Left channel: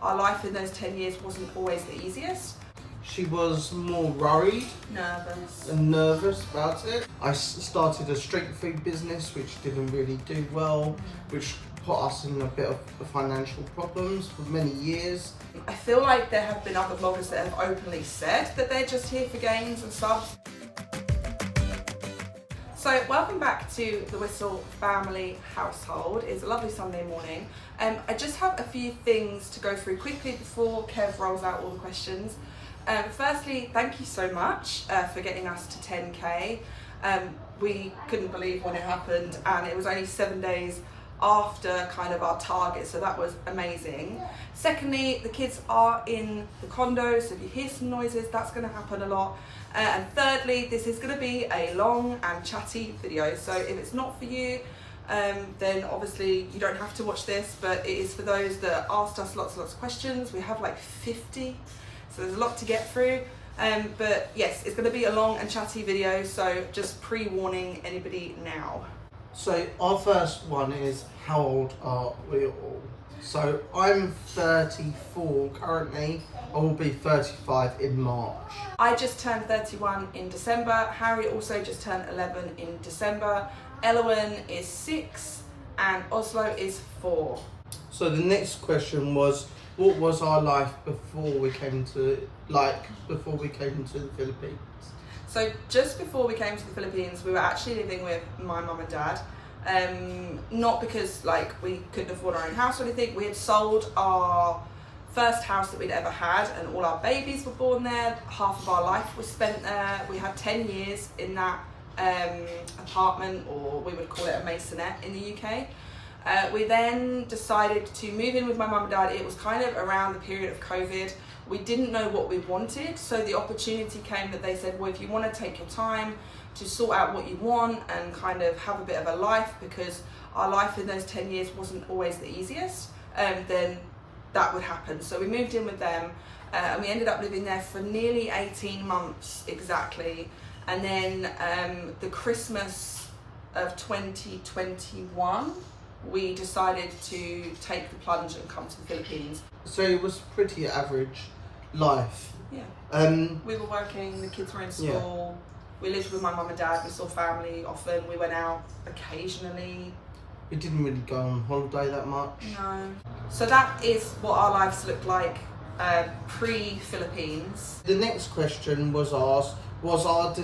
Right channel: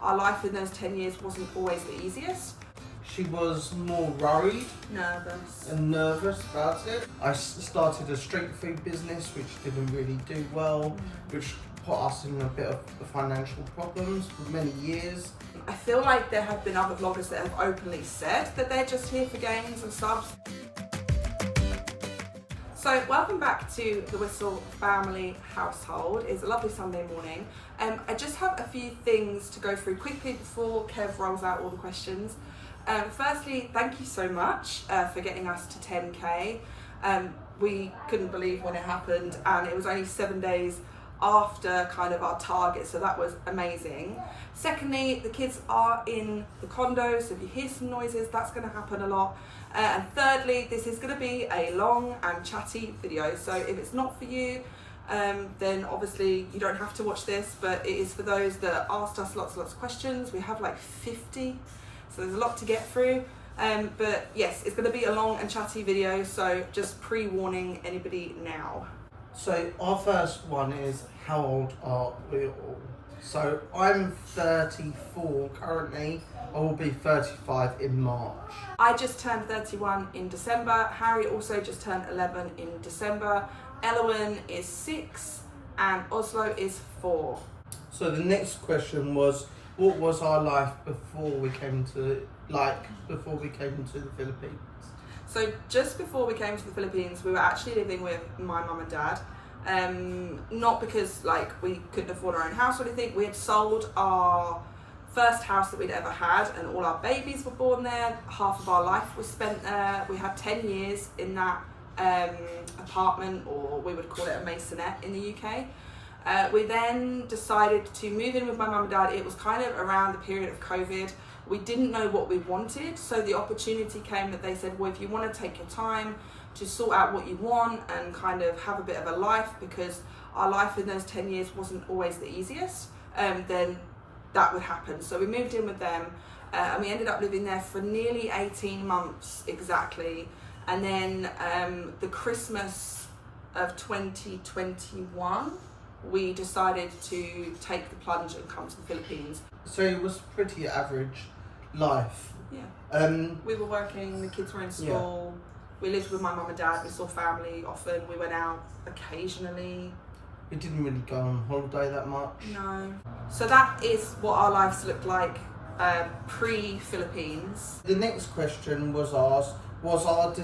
our life in those 10 years wasn't always the easiest. She was more worried and nervous about it. I started a street food business which didn't really do well, which put us in a bit of financial problems for many years. I feel like there have been other vloggers that have openly said that they're just here for gains and subs. So welcome back to the Wistl family household. It's a lovely Sunday morning. I just have a few things to go through quickly before Kev rolls out all the questions. Firstly, thank you so much for getting us to 10k. We couldn't believe when it happened, and it was only 7 days after kind of our target, so that was amazing. Secondly, the kids are in the condo, so if you hear some noises, that's going to happen a lot. And thirdly, this is going to be a long and chatty video, so if it's not for you, then obviously you don't have to watch this, but it is for those that asked us lots of questions. We have like 50, so there's a lot to get through. But yes, it's going to be a long and chatty video, so just pre-warning anybody now. So our first one is, how old are we all? So I'm 34 currently. I will be 35 in March. I just turned 31 in December. Harry also just turned 11 in December. Elowen is 6 and Oslo is 4. So the next question was, what was our life before we came to the Philippines? So just before we came to the Philippines, we were actually living with my mum and dad. Not because like we couldn't afford our own house or anything. We had sold our first house that we'd ever had, and all our babies were born there. Half of our life was spent there. We had 10 years in that apartment, or we would call it a maisonette in the UK. We then decided to move in with my mum and dad. It was kind of around the period of COVID. We didn't know what we wanted, so the opportunity came that they said, well, if you want to take your time to sort out what you want and kind of have a bit of a life, because our life in those 10 years wasn't always the easiest, then that would happen. So we moved in with them, and we ended up living there for nearly 18 months exactly. And then the Christmas of 2021, we decided to take the plunge and come to the Philippines. So it was pretty average life. Yeah. We were working, the kids were in school. Yeah. We lived with my mum and dad. We saw family often. We went out occasionally. We didn't really go on holiday that much. No. So that is what our lives looked like pre-Philippines. The next question was asked, was our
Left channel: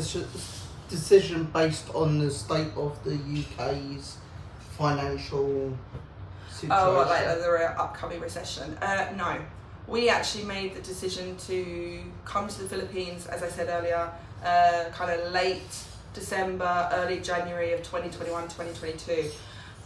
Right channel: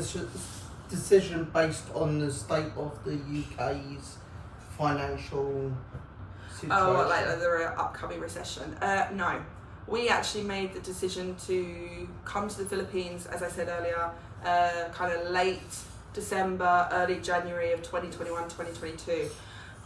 decision based on the state of the UK's financial situation? Oh, like the upcoming recession? No. We actually made the decision to come to the Philippines, as I said earlier, kind of late December, early January of 2021, 2022.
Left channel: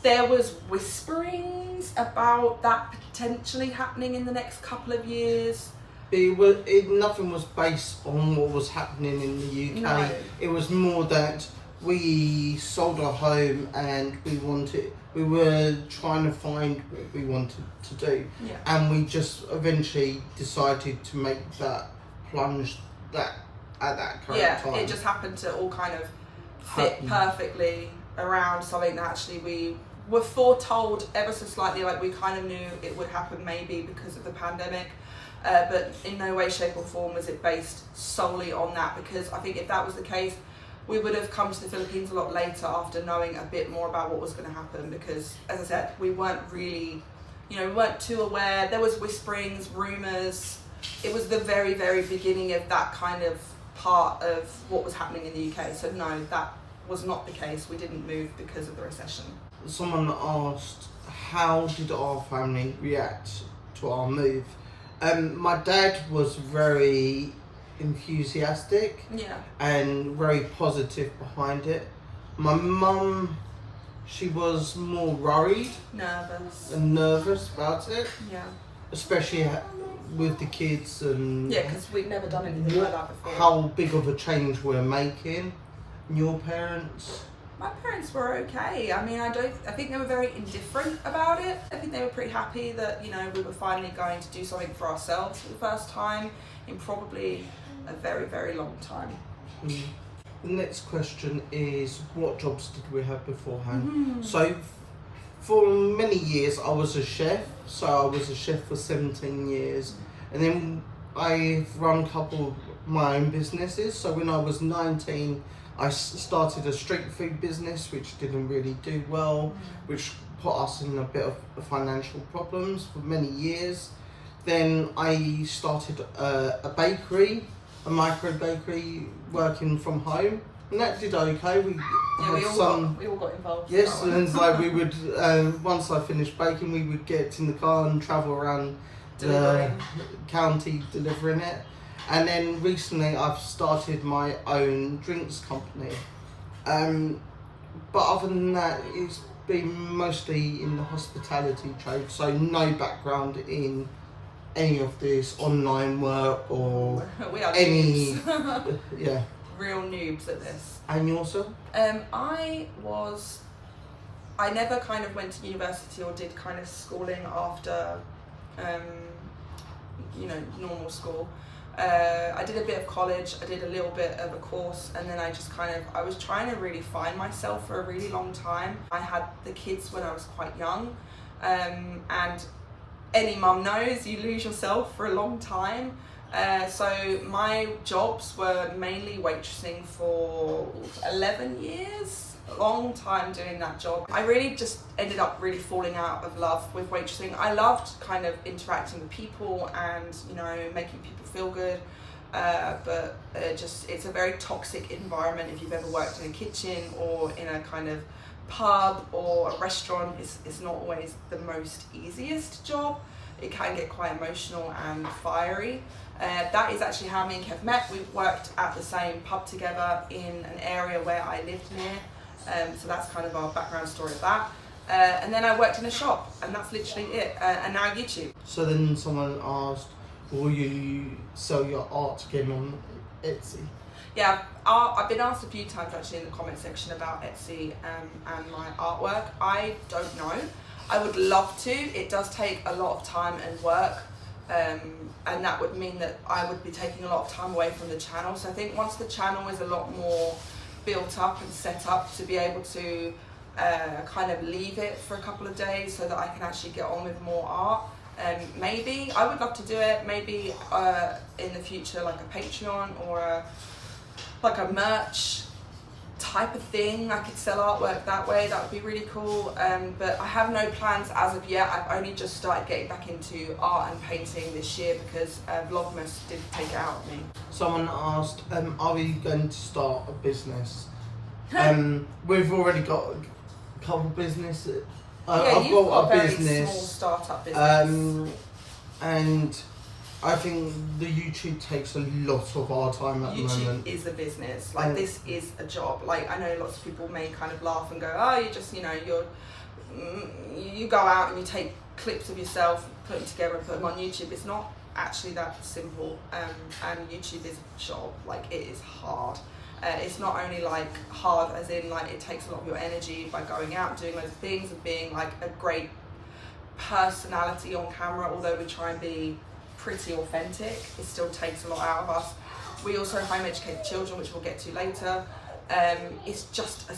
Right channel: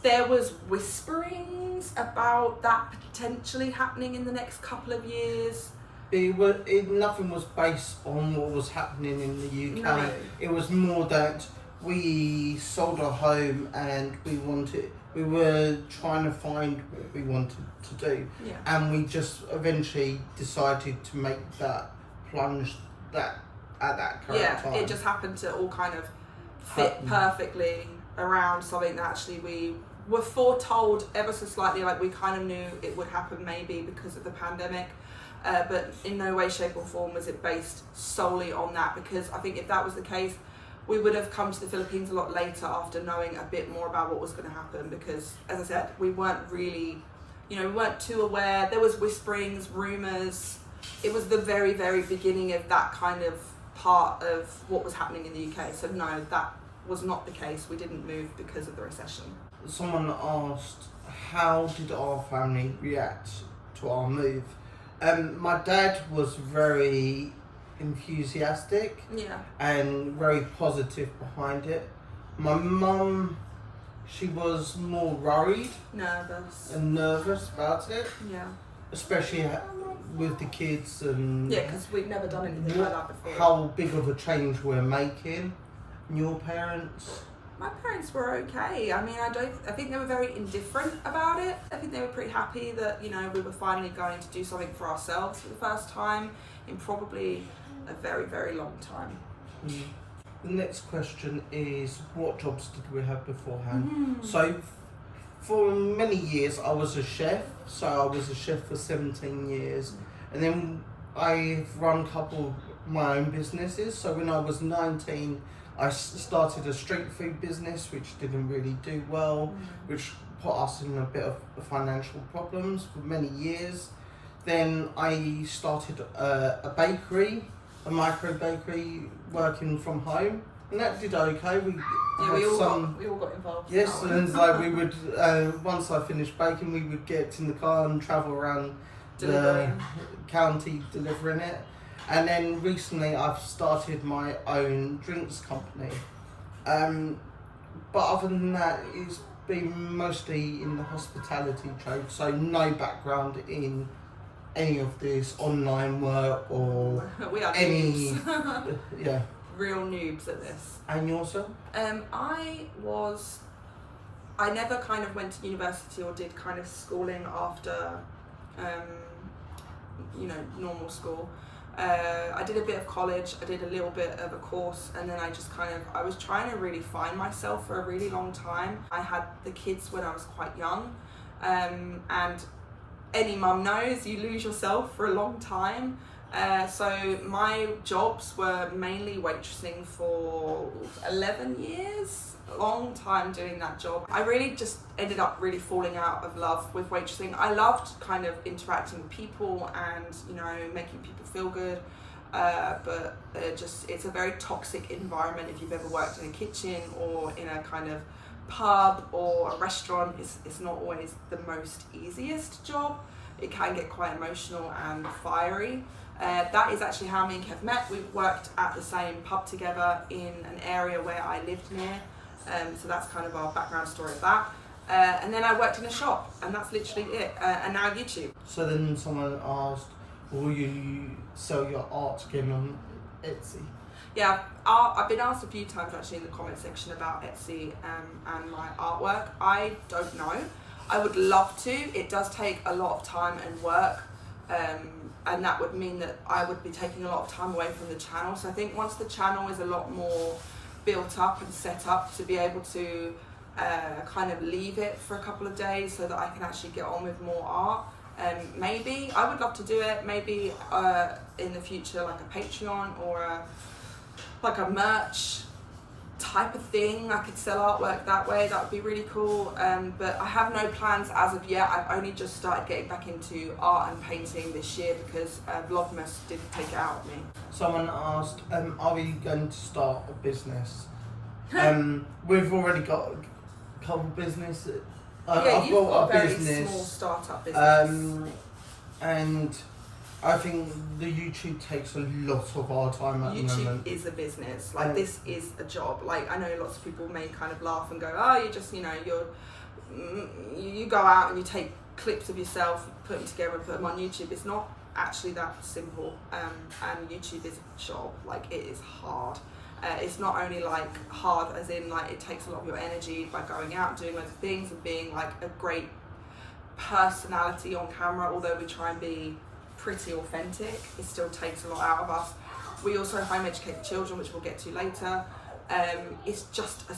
There was whisperings about that potentially happening in the next couple of years. Nothing was based on what was happening in the UK. No. It was more that we sold our home and we were trying to find what we wanted to do. Yeah. And we just eventually decided to make that plunge at that current time. Yeah, it just happened to all kind of fit perfectly around something that actually we were foretold ever so slightly, like we kind of knew it would happen maybe because of the pandemic, but in no way, shape or form was it based solely on that, because I think if that was the case, we would have come to the Philippines a lot later after knowing a bit more about what was going to happen, because as I said, we weren't really, we weren't too aware. There was whisperings, rumours. It was the very, very beginning of that kind of part of what was happening in the UK. So no, that was not the case. We didn't move because of the recession. Someone asked, how did our family react to our move? My dad was very enthusiastic, and very positive behind it. My mum, she was more worried, nervous about it, especially with the kids and because we'd never done anything like that before. How big of a change we're making. And your parents? My parents were okay. I mean, I think they were very indifferent about it. I think they were pretty happy that, we were finally going to do something for ourselves for the first time in probably a very, very long time. The next question is, what jobs did we have beforehand? So for many years I was a chef, so I was a chef for 17 years, and then I've run a couple of my own businesses. So when I was 19, I started a street food business, which didn't really do well, which put us in a bit of financial problems for many years. Then I started a bakery, a micro bakery, working from home, and that did okay. We all got involved. Yes, and like we would once I finished baking, we would get in the car and travel around the county delivering it. And then recently I've started my own drinks company. But other than that, it's been mostly in the hospitality trade, so no background in any of this online work or we are any noobs. Yeah. Real noobs at this. And yourself? I never kind of went to university or did kind of schooling after normal school. I did a bit of college, I did a little bit of a course, and then I was trying to really find myself for a really long time. I had the kids when I was quite young, and any mum knows you lose yourself for a long time. So my jobs were mainly waitressing for 11 years. Long time doing that job. I really just ended up really falling out of love with waitressing. I loved kind of interacting with people and making people feel good, but it's a very toxic environment. If you've ever worked in a kitchen or in a kind of pub or a restaurant, it's not always the most easiest job. It can get quite emotional and fiery. That is actually how me and Kev met. We worked at the same pub together in an area where I lived near. So that's kind of our background story of that. And then I worked in a shop, and that's literally it. And now YouTube. So then someone asked, will you sell your art again on Etsy? Yeah, I've been asked a few times actually in the comment section about Etsy and my artwork. I don't know. I would love to. It does take a lot of time and work. And that would mean that I would be taking a lot of time away from the channel. So I think once the channel is a lot more built up and set up to be able to kind of leave it for a couple of days so that I can actually get on with more art. Maybe I would love to do it. Maybe in the future, like a Patreon or like a merch type of thing. I could sell artwork that way. That would be really cool. But I have no plans as of yet. I've only just started getting back into art and painting this year because Vlogmas didn't take it out of me. Someone asked, are we going to start a business? We've already got a couple businesses. I've got a very business, small startup business. And I think the YouTube takes a lot of our time at the moment. YouTube is a business. Like this is a job. Like I know lots of people may kind of laugh and go, oh, you just you go out and you take clips of yourself, put them together and put them on YouTube. It's not actually that simple. And YouTube is a job. Like it is hard. It's not only like hard as in like it takes a lot of your energy by going out doing loads of things and being like a great personality on camera, although we try and be pretty authentic, it still takes a lot out of us. We also home educate children, which we'll get to later. It's just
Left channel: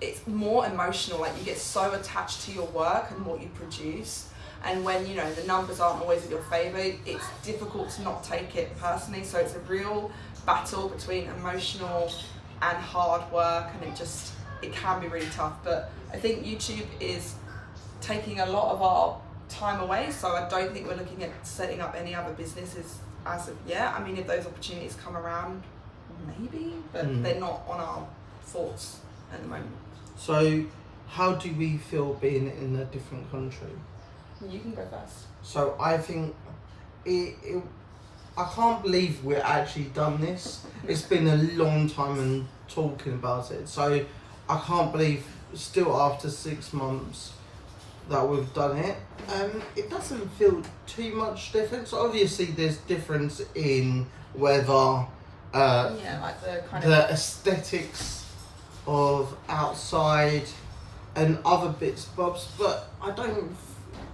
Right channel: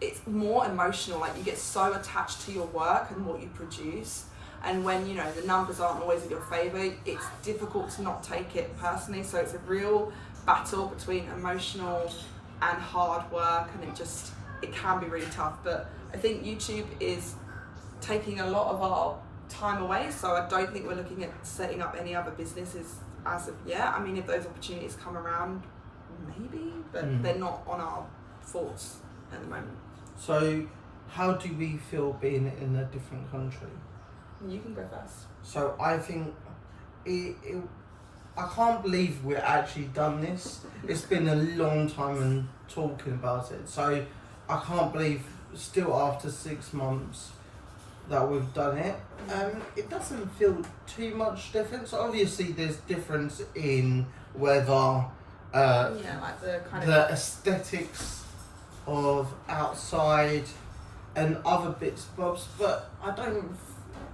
it's more emotional. Like you get so attached to your work and what you produce, and when the numbers aren't always in your favour, it's difficult to not take it personally. So it's a real battle between emotional and hard work, and it can be really tough. But I think YouTube is taking a lot of our time away, so I don't think we're looking at setting up any other businesses as of yet. I mean, if those opportunities come around, maybe, but they're not on our thoughts at the moment. So how do we feel being in a different country? You can go first. So I think I can't believe we've actually done this. It's been a long time and talking about it, so I can't believe still after 6 months that we've done it. It doesn't feel too much difference. Obviously there's difference in whether like the aesthetics of outside and other bits and bobs, but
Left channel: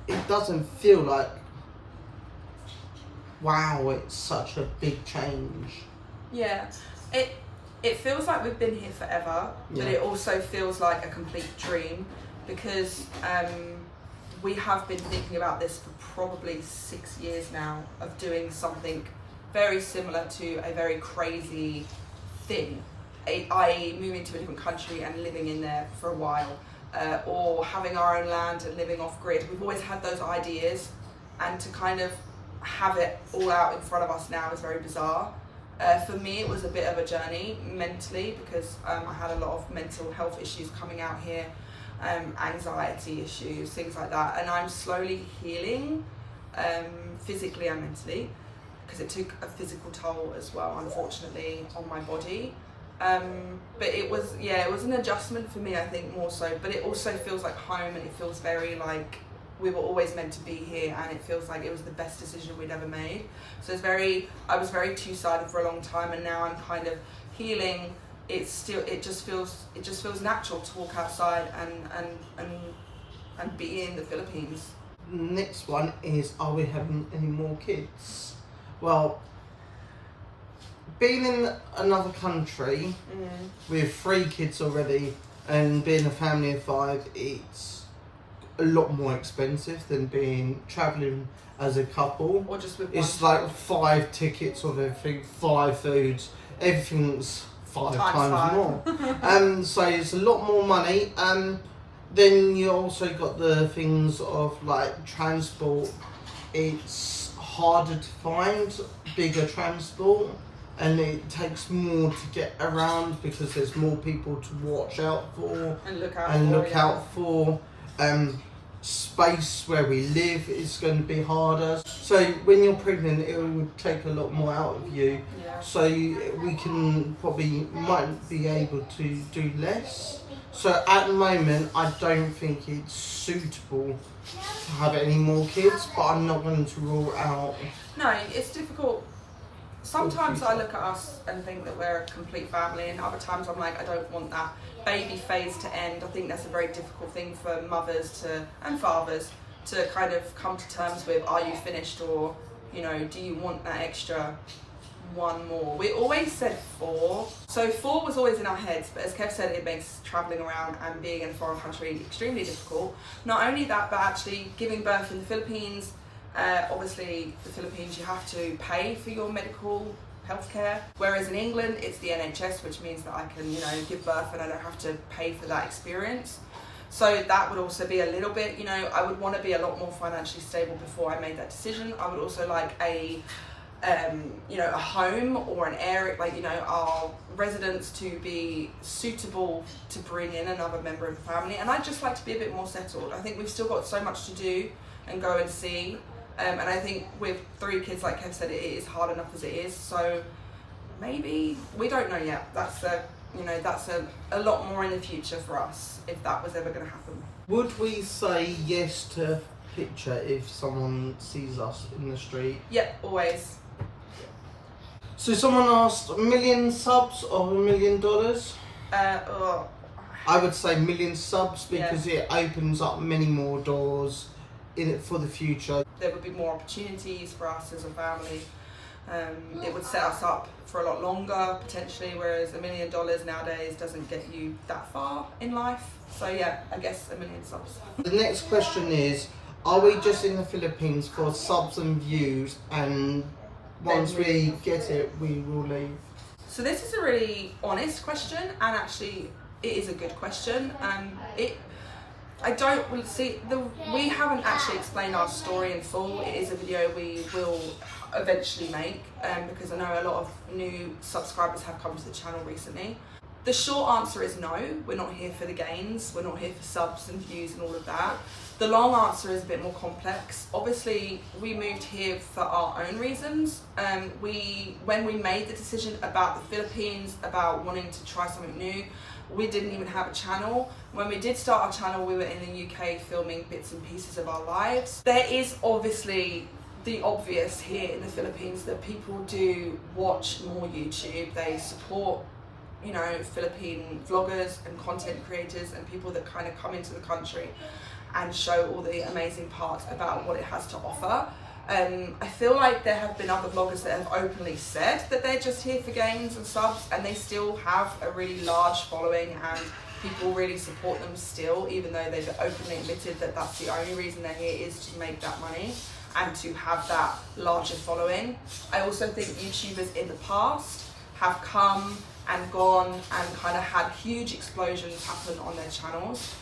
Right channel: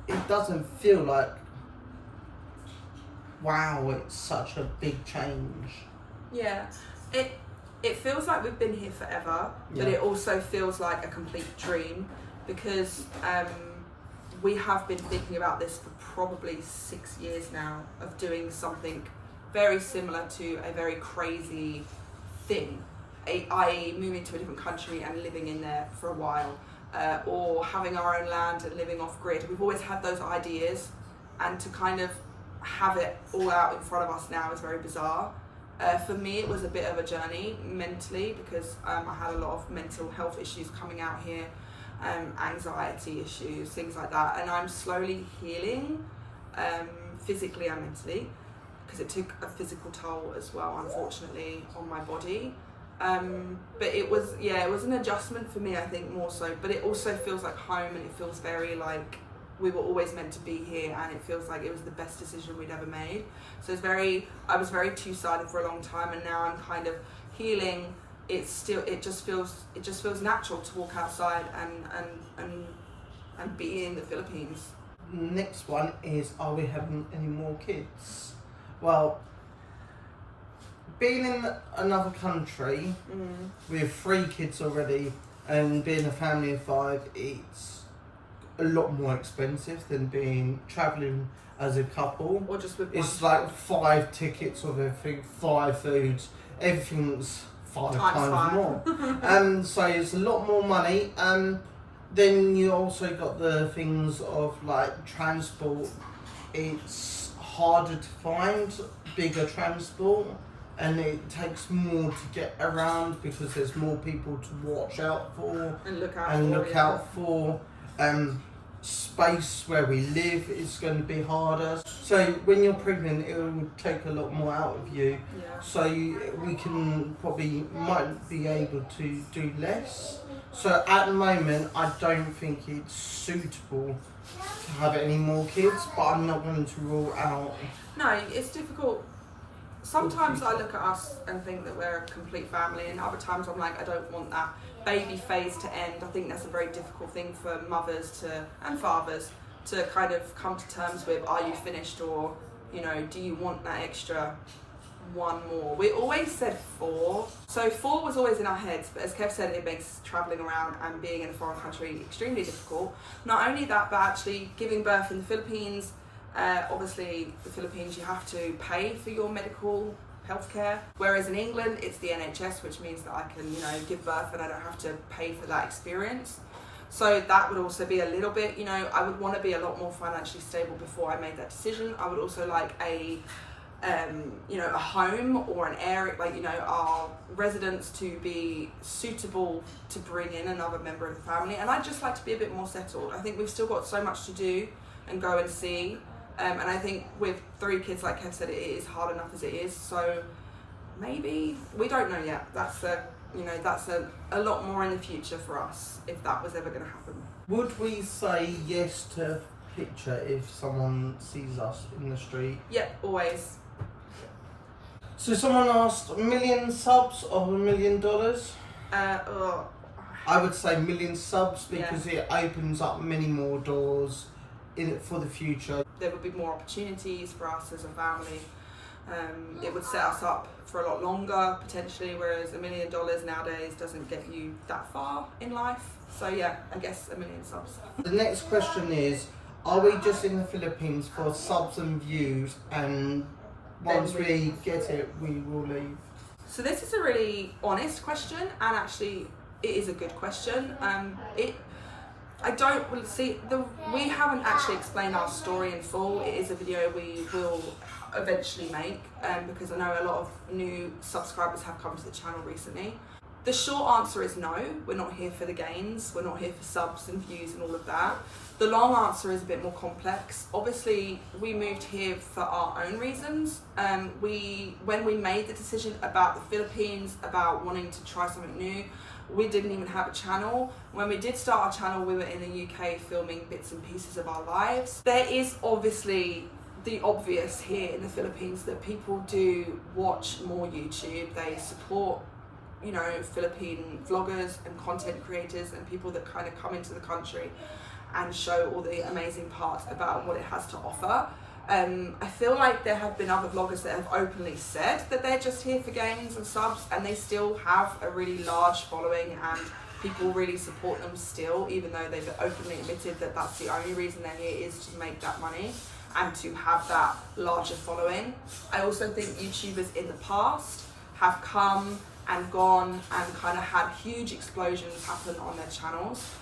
it doesn't feel like, wow, it's such a big change. Yeah, it feels like we've been here forever, but it also feels like a complete dream. because we have been thinking about this for probably 6 years now, of doing something very similar to a very crazy thing, i.e. moving to a different country and living in there for a while, or having our own land and living off grid. We've always had those ideas, and to kind of have it all out in front of us now is very bizarre. For me, it was a bit of a journey mentally, because I had a lot of mental health issues coming out here, anxiety issues, things like that, and I'm slowly healing, physically and mentally, because it took a physical toll as well, unfortunately, on my body. But it was an adjustment for me, I think, more so, but it also feels like home, and it feels very like we were always meant to be here, and it feels like it was the best decision we'd ever made. So I was very two-sided for a long time, and now I'm kind of healing. It just feels natural to walk outside and be in the Philippines. Next one is, are we having any more kids? Well, being in another country with 3 kids already, and being a family of 5, it's a lot more expensive than being travelling as a couple. Or just with one. It's like 5 tickets of everything, 5 foods, everything's 5 times more. So it's a lot more money. Then you also got the things of like transport. It's harder to find bigger transport, and it takes more to get around because there's more people to watch out for and look out for. Space where we live is going to be harder. So when you're pregnant, it would take a lot more out of you. Yeah. So we might be able to do less. So at the moment, I don't think it's suitable to have any more kids, but I'm not going to rule out. No, it's difficult. Sometimes I look at us and think that we're a complete family, and other times I'm like, I don't want that baby phase to end. I think that's a very difficult thing for mothers and fathers to kind of come to terms with. Are you finished, or do you want that extra one more? We always said 4, so 4 was always in our heads, but as Kev said, it makes travelling around and being in a foreign country extremely difficult. Not only that, but actually giving birth in the Philippines. Obviously, the Philippines, you have to pay for your medical healthcare, whereas in England it's the NHS, which means that I can give birth and I don't have to pay for that experience. So that would also be a little bit, I would want to be a lot more financially stable before I made that decision. I would also like a home or an area, our residents to be suitable to bring in another member of the family, and I'd just like to be a bit more settled. I think we've still got so much to do and go and see. And I think with 3 kids, like Kev said, it is hard enough as it is. So maybe, we don't know yet. That's a lot more in the future for us, if that was ever going to happen. Would we say yes to picture if someone sees us in the street? Yep, always. So someone asked, 1 million subs or $1 million? I would say 1 million subs, because it opens up many more doors in it for the future. There would be more opportunities for us as a family. It would set us up for a lot longer potentially, whereas $1 million nowadays doesn't get you that far in life. So yeah, I guess 1 million subs. The next question is, are we just in the Philippines for subs and views, and once we get it, we will leave? So this is a really honest question, and actually it is a good question. We haven't actually explained our story in full. It is a video we will eventually make, because I know a lot of new subscribers have come to the channel recently. The short answer is no, we're not here for the gains, we're not here for subs and views and all of that. The long answer is a bit more complex. Obviously, we moved here for our own reasons. When we made the decision about the Philippines, about wanting to try something new, we didn't even have a channel. When we did start our channel, we were in the UK filming bits and pieces of our lives. There is obviously the obvious here in the Philippines, that people do watch more YouTube. They support, Philippine vloggers and content creators and people that kind of come into the country and show all the amazing parts about what it has to offer. I feel like there have been other vloggers that have openly said that they're just here for gains and subs, and they still have a really large following and people really support them still, even though they've openly admitted that that's the only reason they're here is to make that money and to have that larger following. I also think YouTubers in the past have come and gone and kind of had huge explosions happen on their channels.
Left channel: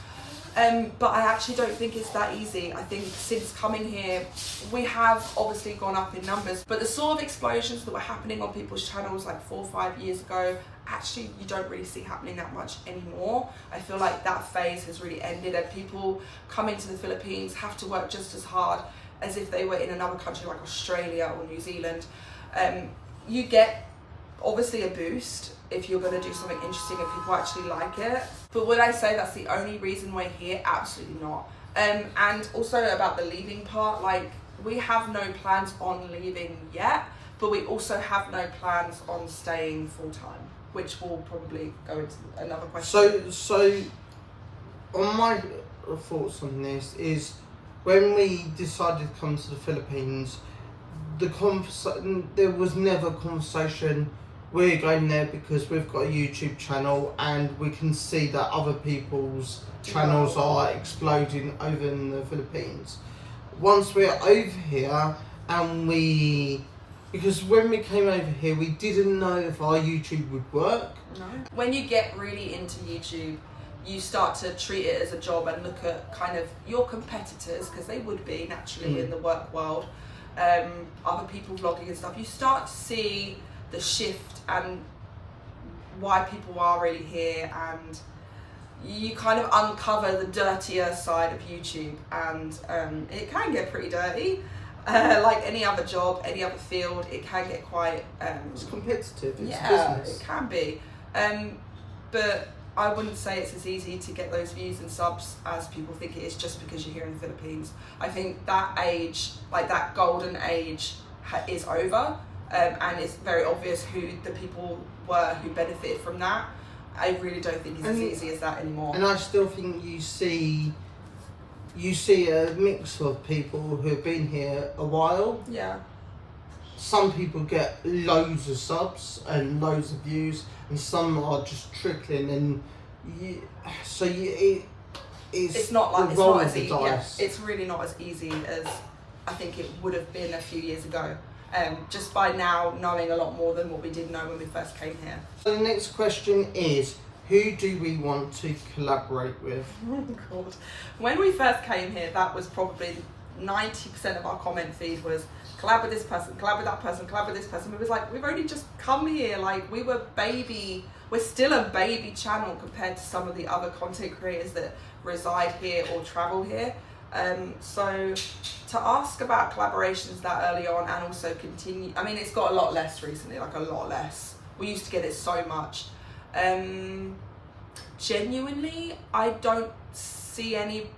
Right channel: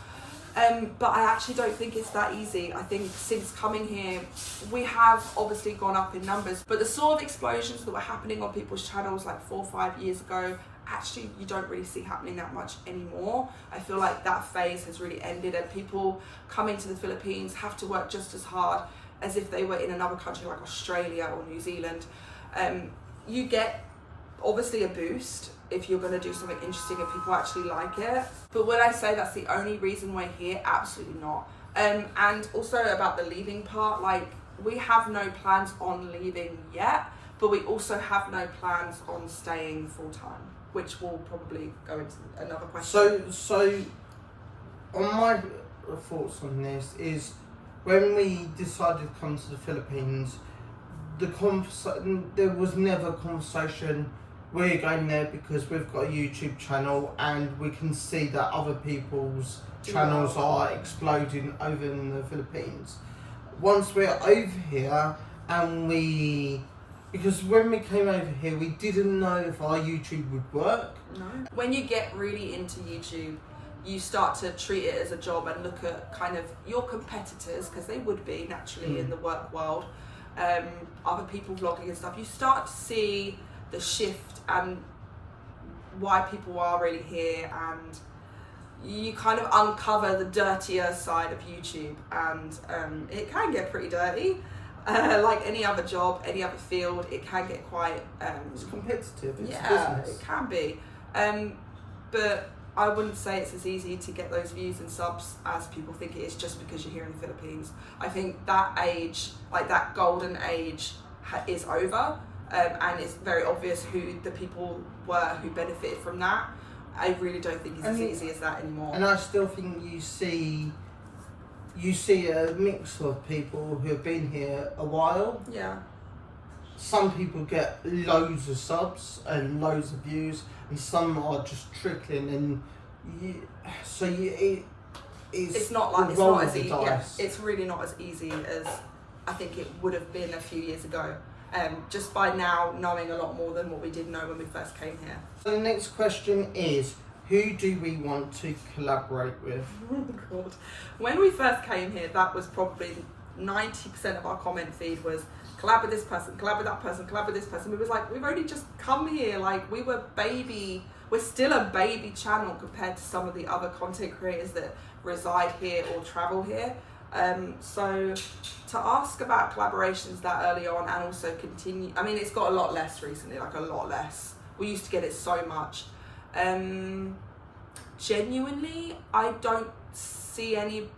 But I actually don't think it's that easy. I think since coming here, we have obviously gone up in numbers, but the sort of explosions that were happening on people's channels like 4 or 5 years ago, actually you don't really see happening that much anymore. I feel like that phase has really ended, and people coming to the Philippines have to work just as hard as if they were in another country like Australia or New Zealand. You get obviously a boost if you're going to do something interesting and people actually like it, but would I say that's the only reason we're here? Absolutely not. And also about the leaving part, like, we have no plans on leaving yet, but we also have no plans on staying full time, which will probably go into another question. So on my thoughts on this is, when we decided to come to the Philippines, there was never a conversation, we're going there because we've got a YouTube channel and we can see that other people's channels are exploding over in the Philippines. Once we're over here, and because when we came over here, we didn't know if our YouTube would work. No. When you get really into YouTube, you start to treat it as a job and look at kind of your competitors, because they would be naturally in the work world, other people vlogging and stuff. You start to see the shift and why people are really here, and you kind of uncover the dirtier side of YouTube, and it can get pretty dirty. Like any other job, any other field, it can get quite it's competitive. It's business. It can be, but I wouldn't say it's as easy to get those views and subs as people think it is just because you're here in the Philippines. I think that age, like that golden age, is over. And it's very obvious who the people were who benefited from that. I really don't think it's as easy as that anymore. And I still think you see a mix of people who have been here a while. Yeah. Some people get loads of subs and loads of views, and some are just trickling. And it's not like it's not as easy. Yeah, it's really not as easy as I think it would have been a few years ago. Just by now knowing a lot more than what we did know when we first came here. So the next question is, who do we want to collaborate with? Oh God. When we first came here, that was probably 90% of our comment feed was collab with this person, collab with that person, collab with this person. We was like, we've only just come here, like we're still a baby channel compared to some of the other content creators that reside here or travel here. So to ask about collaborations that early on and also continue, I mean, it's got a lot less recently, like a lot less. We used to get it so much. Genuinely, I don't see anybody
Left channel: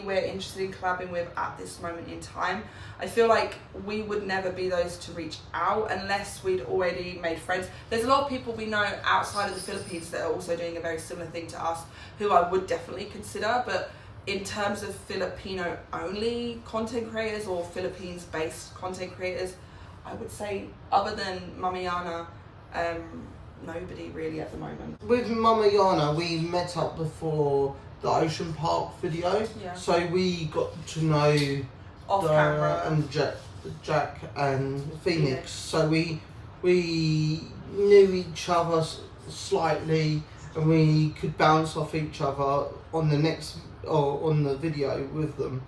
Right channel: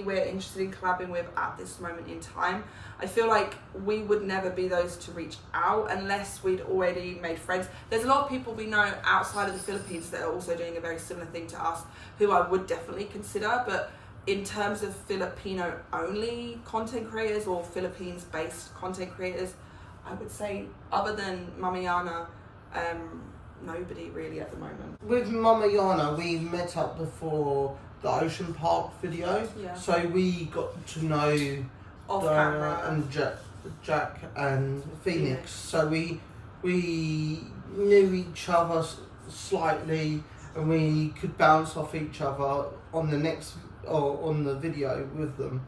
we're interested in collabing with at this moment in time. I feel like we would never be those to reach out unless we'd already made friends. There's a lot of people we know outside of the Philippines that are also doing a very similar thing to us, who I would definitely consider, but in terms of Filipino only content creators or Philippines based content creators, I would say other than Mamayana, nobody really at the moment. With Mamayana, we met up before the Ocean Park video, so we got to know off camera and Jack and Phoenix. So we knew each other slightly, and we could bounce off each other on the video with them.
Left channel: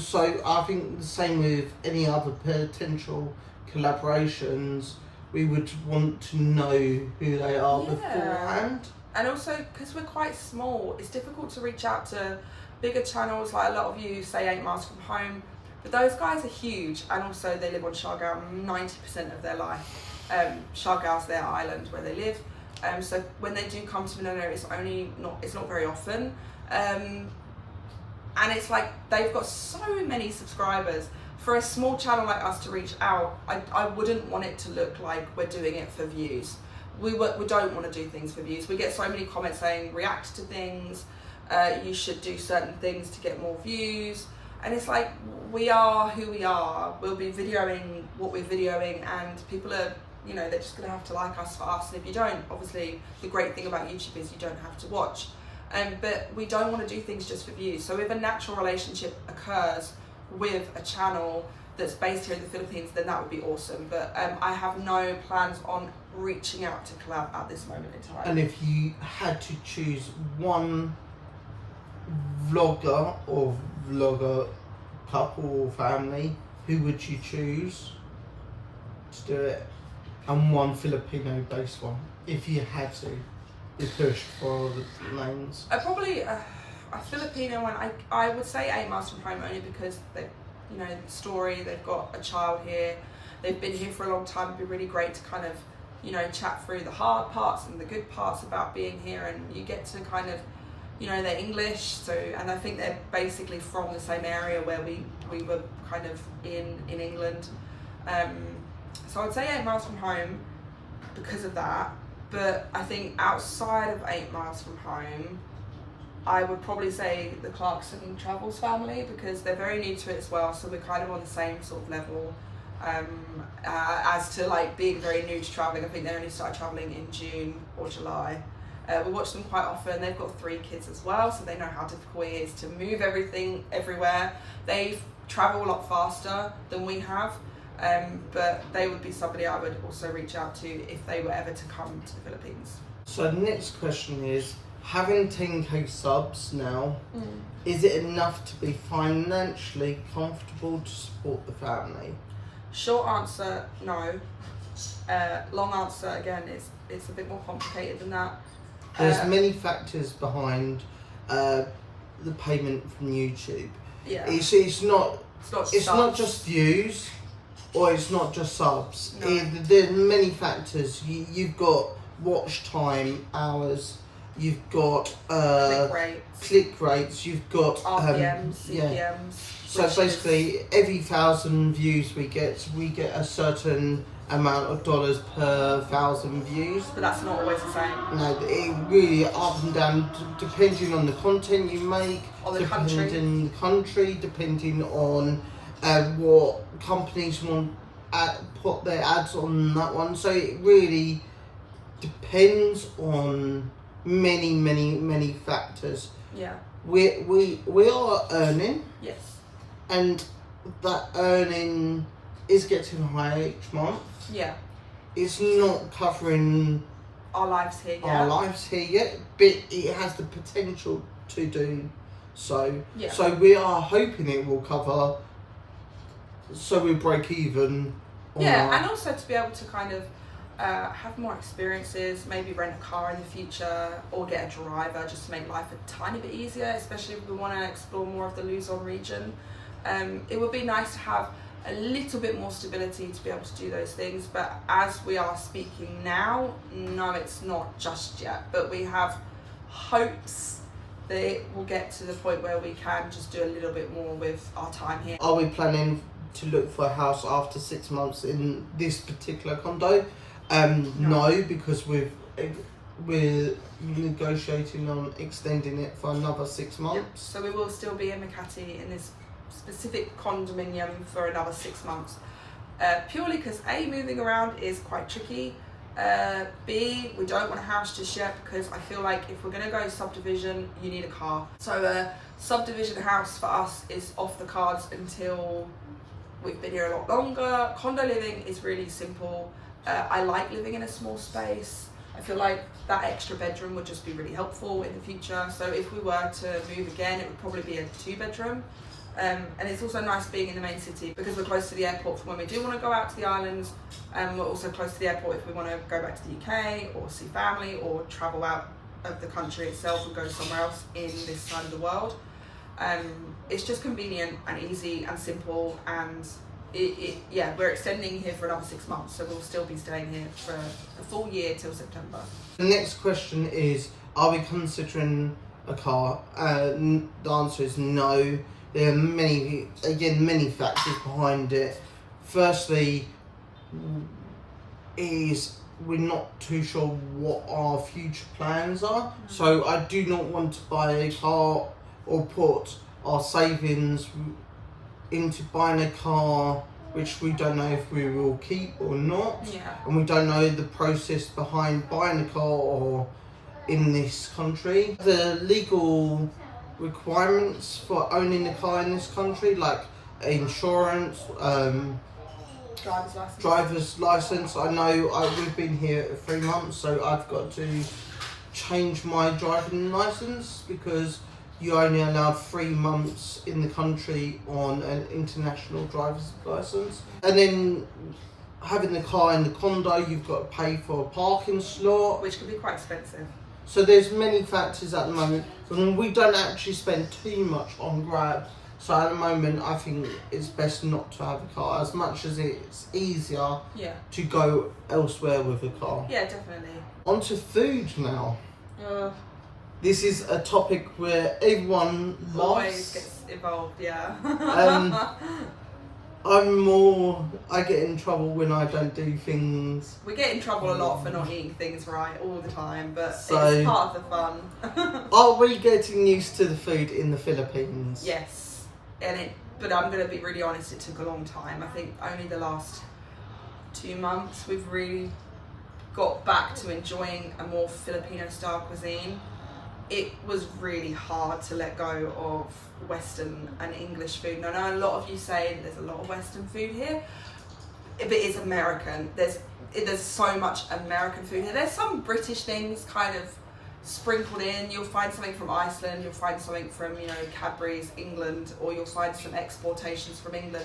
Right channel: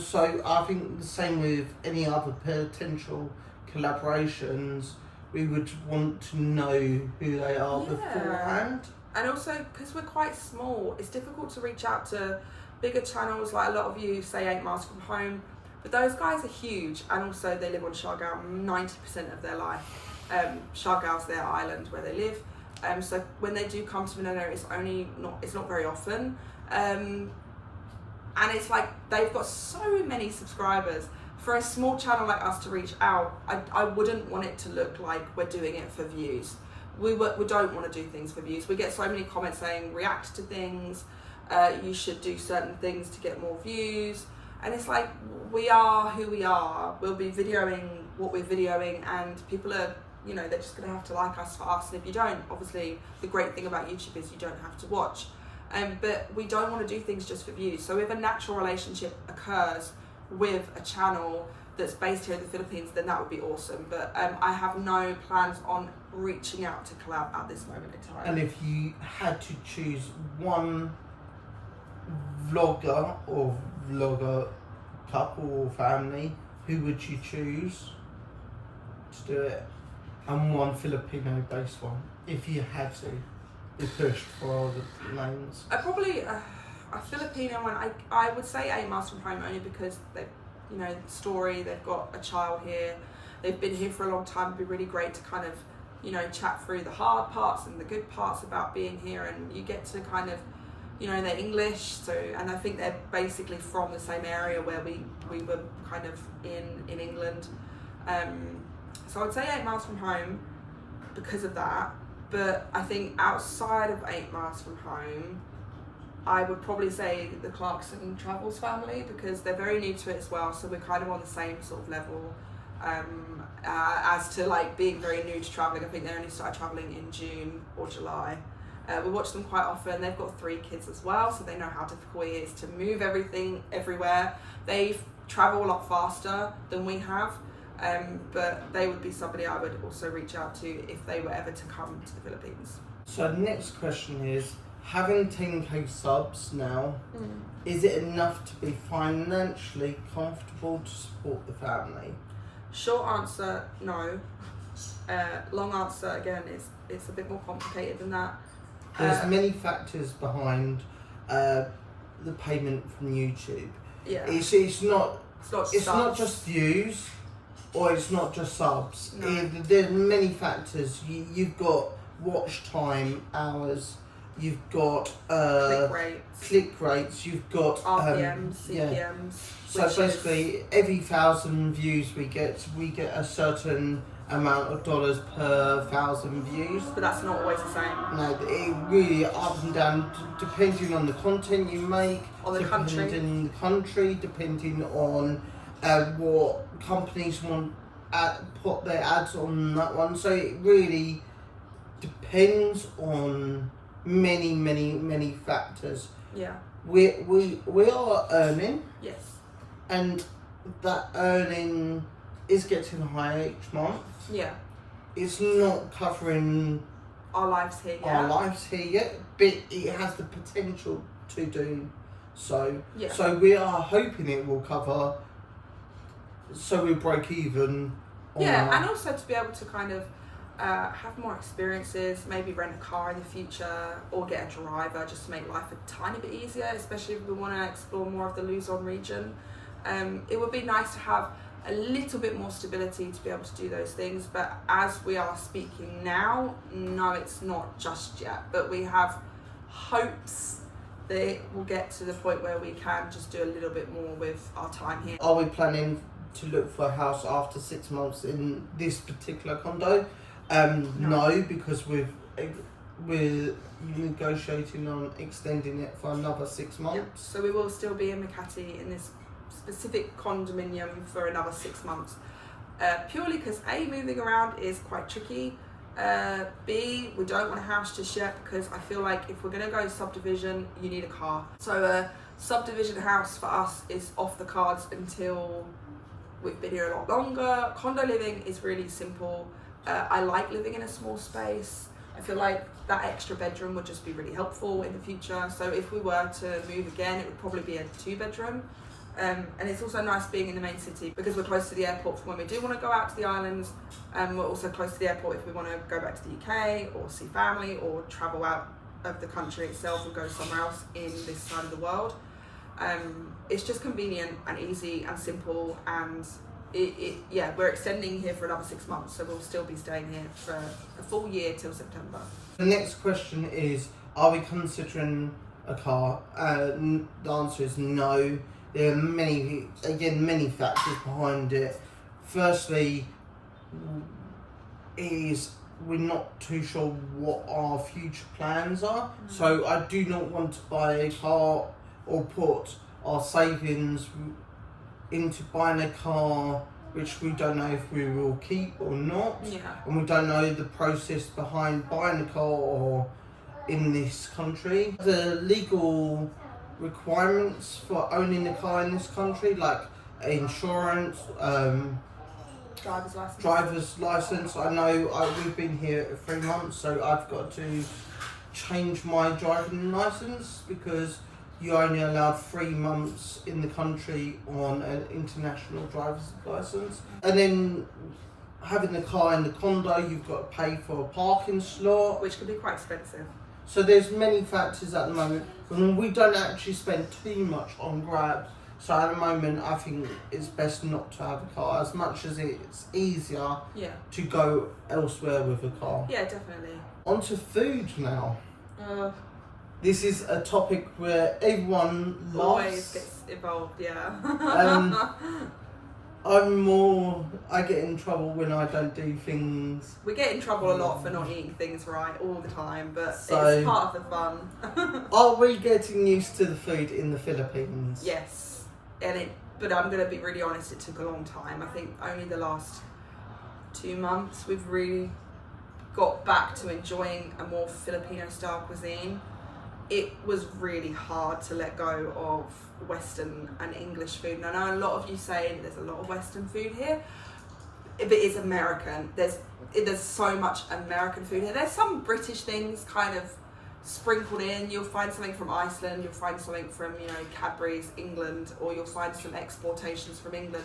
So I think the same with any other potential collaborations. We would want to know who they are beforehand. And also, because we're quite small, it's difficult to reach out to bigger channels. Like a lot of you say 8 miles from home, but those guys are huge, and also they live on Siargao 90% of their life. Siargao's their island where they live. So when they do come to Manila, it's not very often. And it's like they've got so many subscribers. For a small channel like us to reach out, I wouldn't want it to look like we're doing it for views. We don't want to do things for views. We get so many comments saying react to things, you should do certain things to get more views, and it's like, we are who we are. We'll be videoing what we're videoing, and people are you know, they're just going to have to like us for us, and if you don't, obviously the great thing about YouTube is you don't have to watch. But we don't want to do things just for views. So if a natural relationship occurs with a channel that's based here in the Philippines, then that would be awesome. But I have no plans on reaching out to collab at this moment in time. And if you had to choose one vlogger or vlogger couple or family, who would you choose to do it? And one Filipino based one, if you had to be pushed for the names. Probably a Filipino one. I would say 8 Miles From Home, only because they, you know, story, they've got a child here, they've been here for a long time. It'd be really great to kind of, you know, chat through the hard parts and the good parts about being here, and you get to kind of, you know, they're English, so, and I think they're basically from the same area where we were kind of in England. So I'd say 8 Miles From Home because of that. But I think outside of 8 Miles From Home, I would probably say the Clarkson Travels family, because they're very new to it as well, so we're kind of on the same sort of level. As to like being very new to travelling, I think they only started travelling in June or July. We watch them quite often. They've got 3 kids as well, so they know how difficult it is to move everything everywhere. They travel a lot faster than we have, but they would be somebody I would also reach out to if they were ever to come to the Philippines. So the next question is, having 10k subs now, is it enough to be financially comfortable to support the family? Short answer, no. Long answer, again, it's a bit more complicated than that. There's many factors behind the payment from YouTube. Yeah. It's not just views, or it's not just subs. No. There's many factors. You've got watch time, hours. You've got click rates. You've got RPMs, CPMs. So basically, every 1,000 views we get a certain amount of dollars per 1,000 views. But that's not always the same. No, it really up and down, depending on the content you make, or the country, depending on what companies want put their ads on that one. So it really depends on many factors. Yeah. We are earning. Yes. And that earning is getting higher each month. Yeah. It's not covering our lives here yet. But it has the potential to do so. Yeah. So we are hoping it will cover, so we break even. And also to be able to kind of have more experiences, maybe rent a car in the future, or get a driver, just to make life a tiny bit easier, especially if we want to explore more of the Luzon region. It would be nice to have a little bit more stability to be able to do those things, but as we are speaking now, no, it's not just yet, but we have hopes that it will get to the point where we can just do a little bit more with our time here. Are we planning to look for a house after 6 months in this particular condo? No, because we're negotiating on extending it for another 6 months. Yep. So we will still be in Makati in this specific condominium for another 6 months, purely because A, moving around is quite tricky, B, we don't want a house just yet, because I feel like if we're going to go subdivision, you need a car. So a subdivision house for us is off the cards until we've been here a lot longer. Condo living is really simple. I like living in a small space. I feel like that extra bedroom would just be really helpful in the future. So if we were to move again, it would probably be a 2-bedroom. And it's also nice being in the main city because we're close to the airport for when we do want to go out to the islands. We're also close to the airport if we want to go back to the UK or see family or travel out of the country itself and go somewhere else in this side of the world. It's just convenient and easy and simple, and we're extending here for another 6 months, so we'll still be staying here for a full year till September. The next question is, are we considering a car? The answer is no. There are many factors behind it. Firstly, is we're not too sure what our future plans are. So I do not want to buy a car or put our savings into buying a car which we don't know if we will keep or not. Yeah. And we don't know the process behind buying a car or in this country. The legal requirements for owning a car in this country, like insurance, driver's license. I know we've been here 3 months, so I've got to change my driving license because you're only allowed 3 months in the country on an international driver's license. And then having the car in the condo, you've got to pay for a parking slot, which can be quite expensive. So there's many factors at the moment. And we don't actually spend too much on Grab. So at the moment, I think it's best not to have a car, as much as it's easier to go elsewhere with a car. Yeah, definitely. On to food now. This is a topic where everyone always gets involved, yeah. I get in trouble when I don't do things. We get in trouble a lot for not eating things right all the time, but it's part of the fun. Are we getting used to the food in the Philippines? Yes, but I'm going to be really honest, it took a long time. I think only the last 2 months we've really got back to enjoying a more Filipino style cuisine. It was really hard to let go of Western and English food. And I know a lot of you say there's a lot of Western food here, but it's American. There's so much American food here. There's some British things kind of sprinkled in. You'll find something from Iceland, you'll find something from, Cadbury's, England, or you'll find some exportations from England.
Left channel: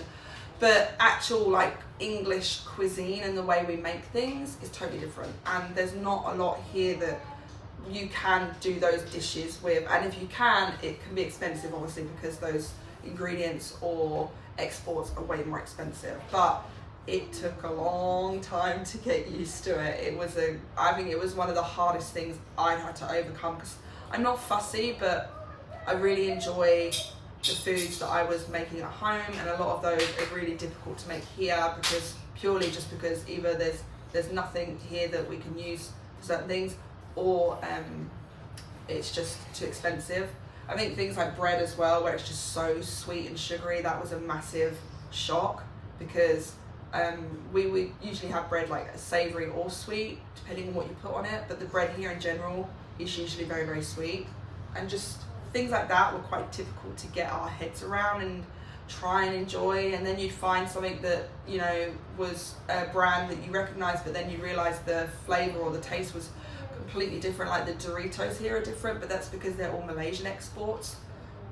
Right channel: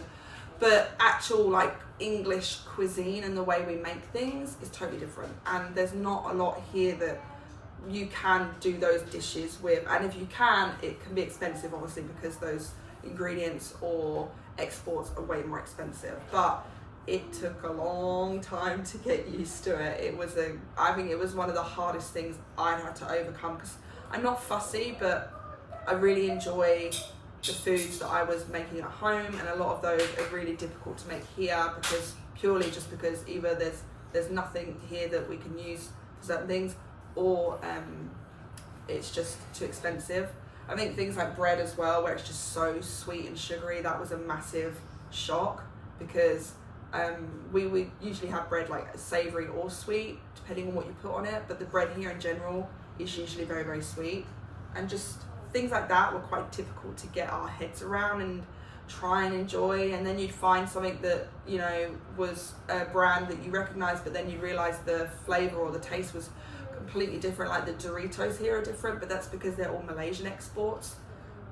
But actual like English cuisine and the way we make things is totally different. And there's not a lot here that you can do those dishes with, and if you can, it can be expensive obviously because those ingredients or exports are way more expensive. But it took a long time to get used to it. I think it was one of the hardest things I had to overcome because I'm not fussy, but I really enjoy the foods that I was making at home, and a lot of those are really difficult to make here because either there's nothing here that we can use for certain things, or it's just too expensive. I think things like bread as well, where it's just so sweet and sugary, that was a massive shock because we would usually have bread like savoury or sweet, depending on what you put on it, but the bread here in general is usually very, very sweet. And just things like that were quite difficult to get our heads around and try and enjoy. And then you'd find something that, was a brand that you recognise, but then you realise the flavour or the taste was completely different. Like the Doritos here are different, but that's because they're all Malaysian exports,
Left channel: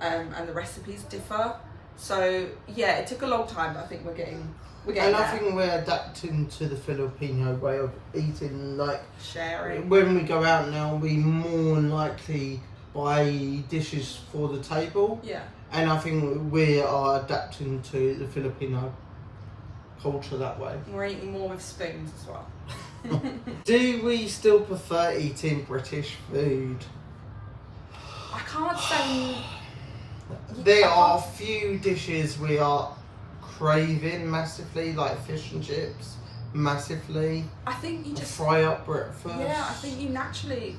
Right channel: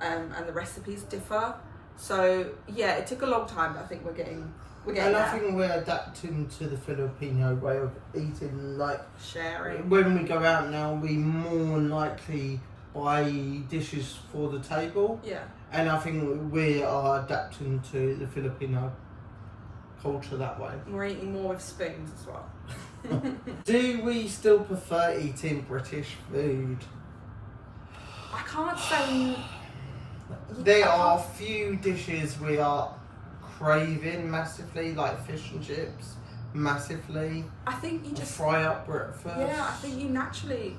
and the recipes differ. So yeah, it took a long time, but I think we're getting and I think we're adapting to the Filipino way of eating, like sharing. When we go out now, we more likely buy dishes for the table. Yeah. And I think we are adapting to the Filipino culture that way. We're eating more with spoons as well. Do we still prefer eating British food? I can't say. There are a few dishes we are craving massively, like fish and chips, massively. I think you just fry up breakfast. Yeah, I think you naturally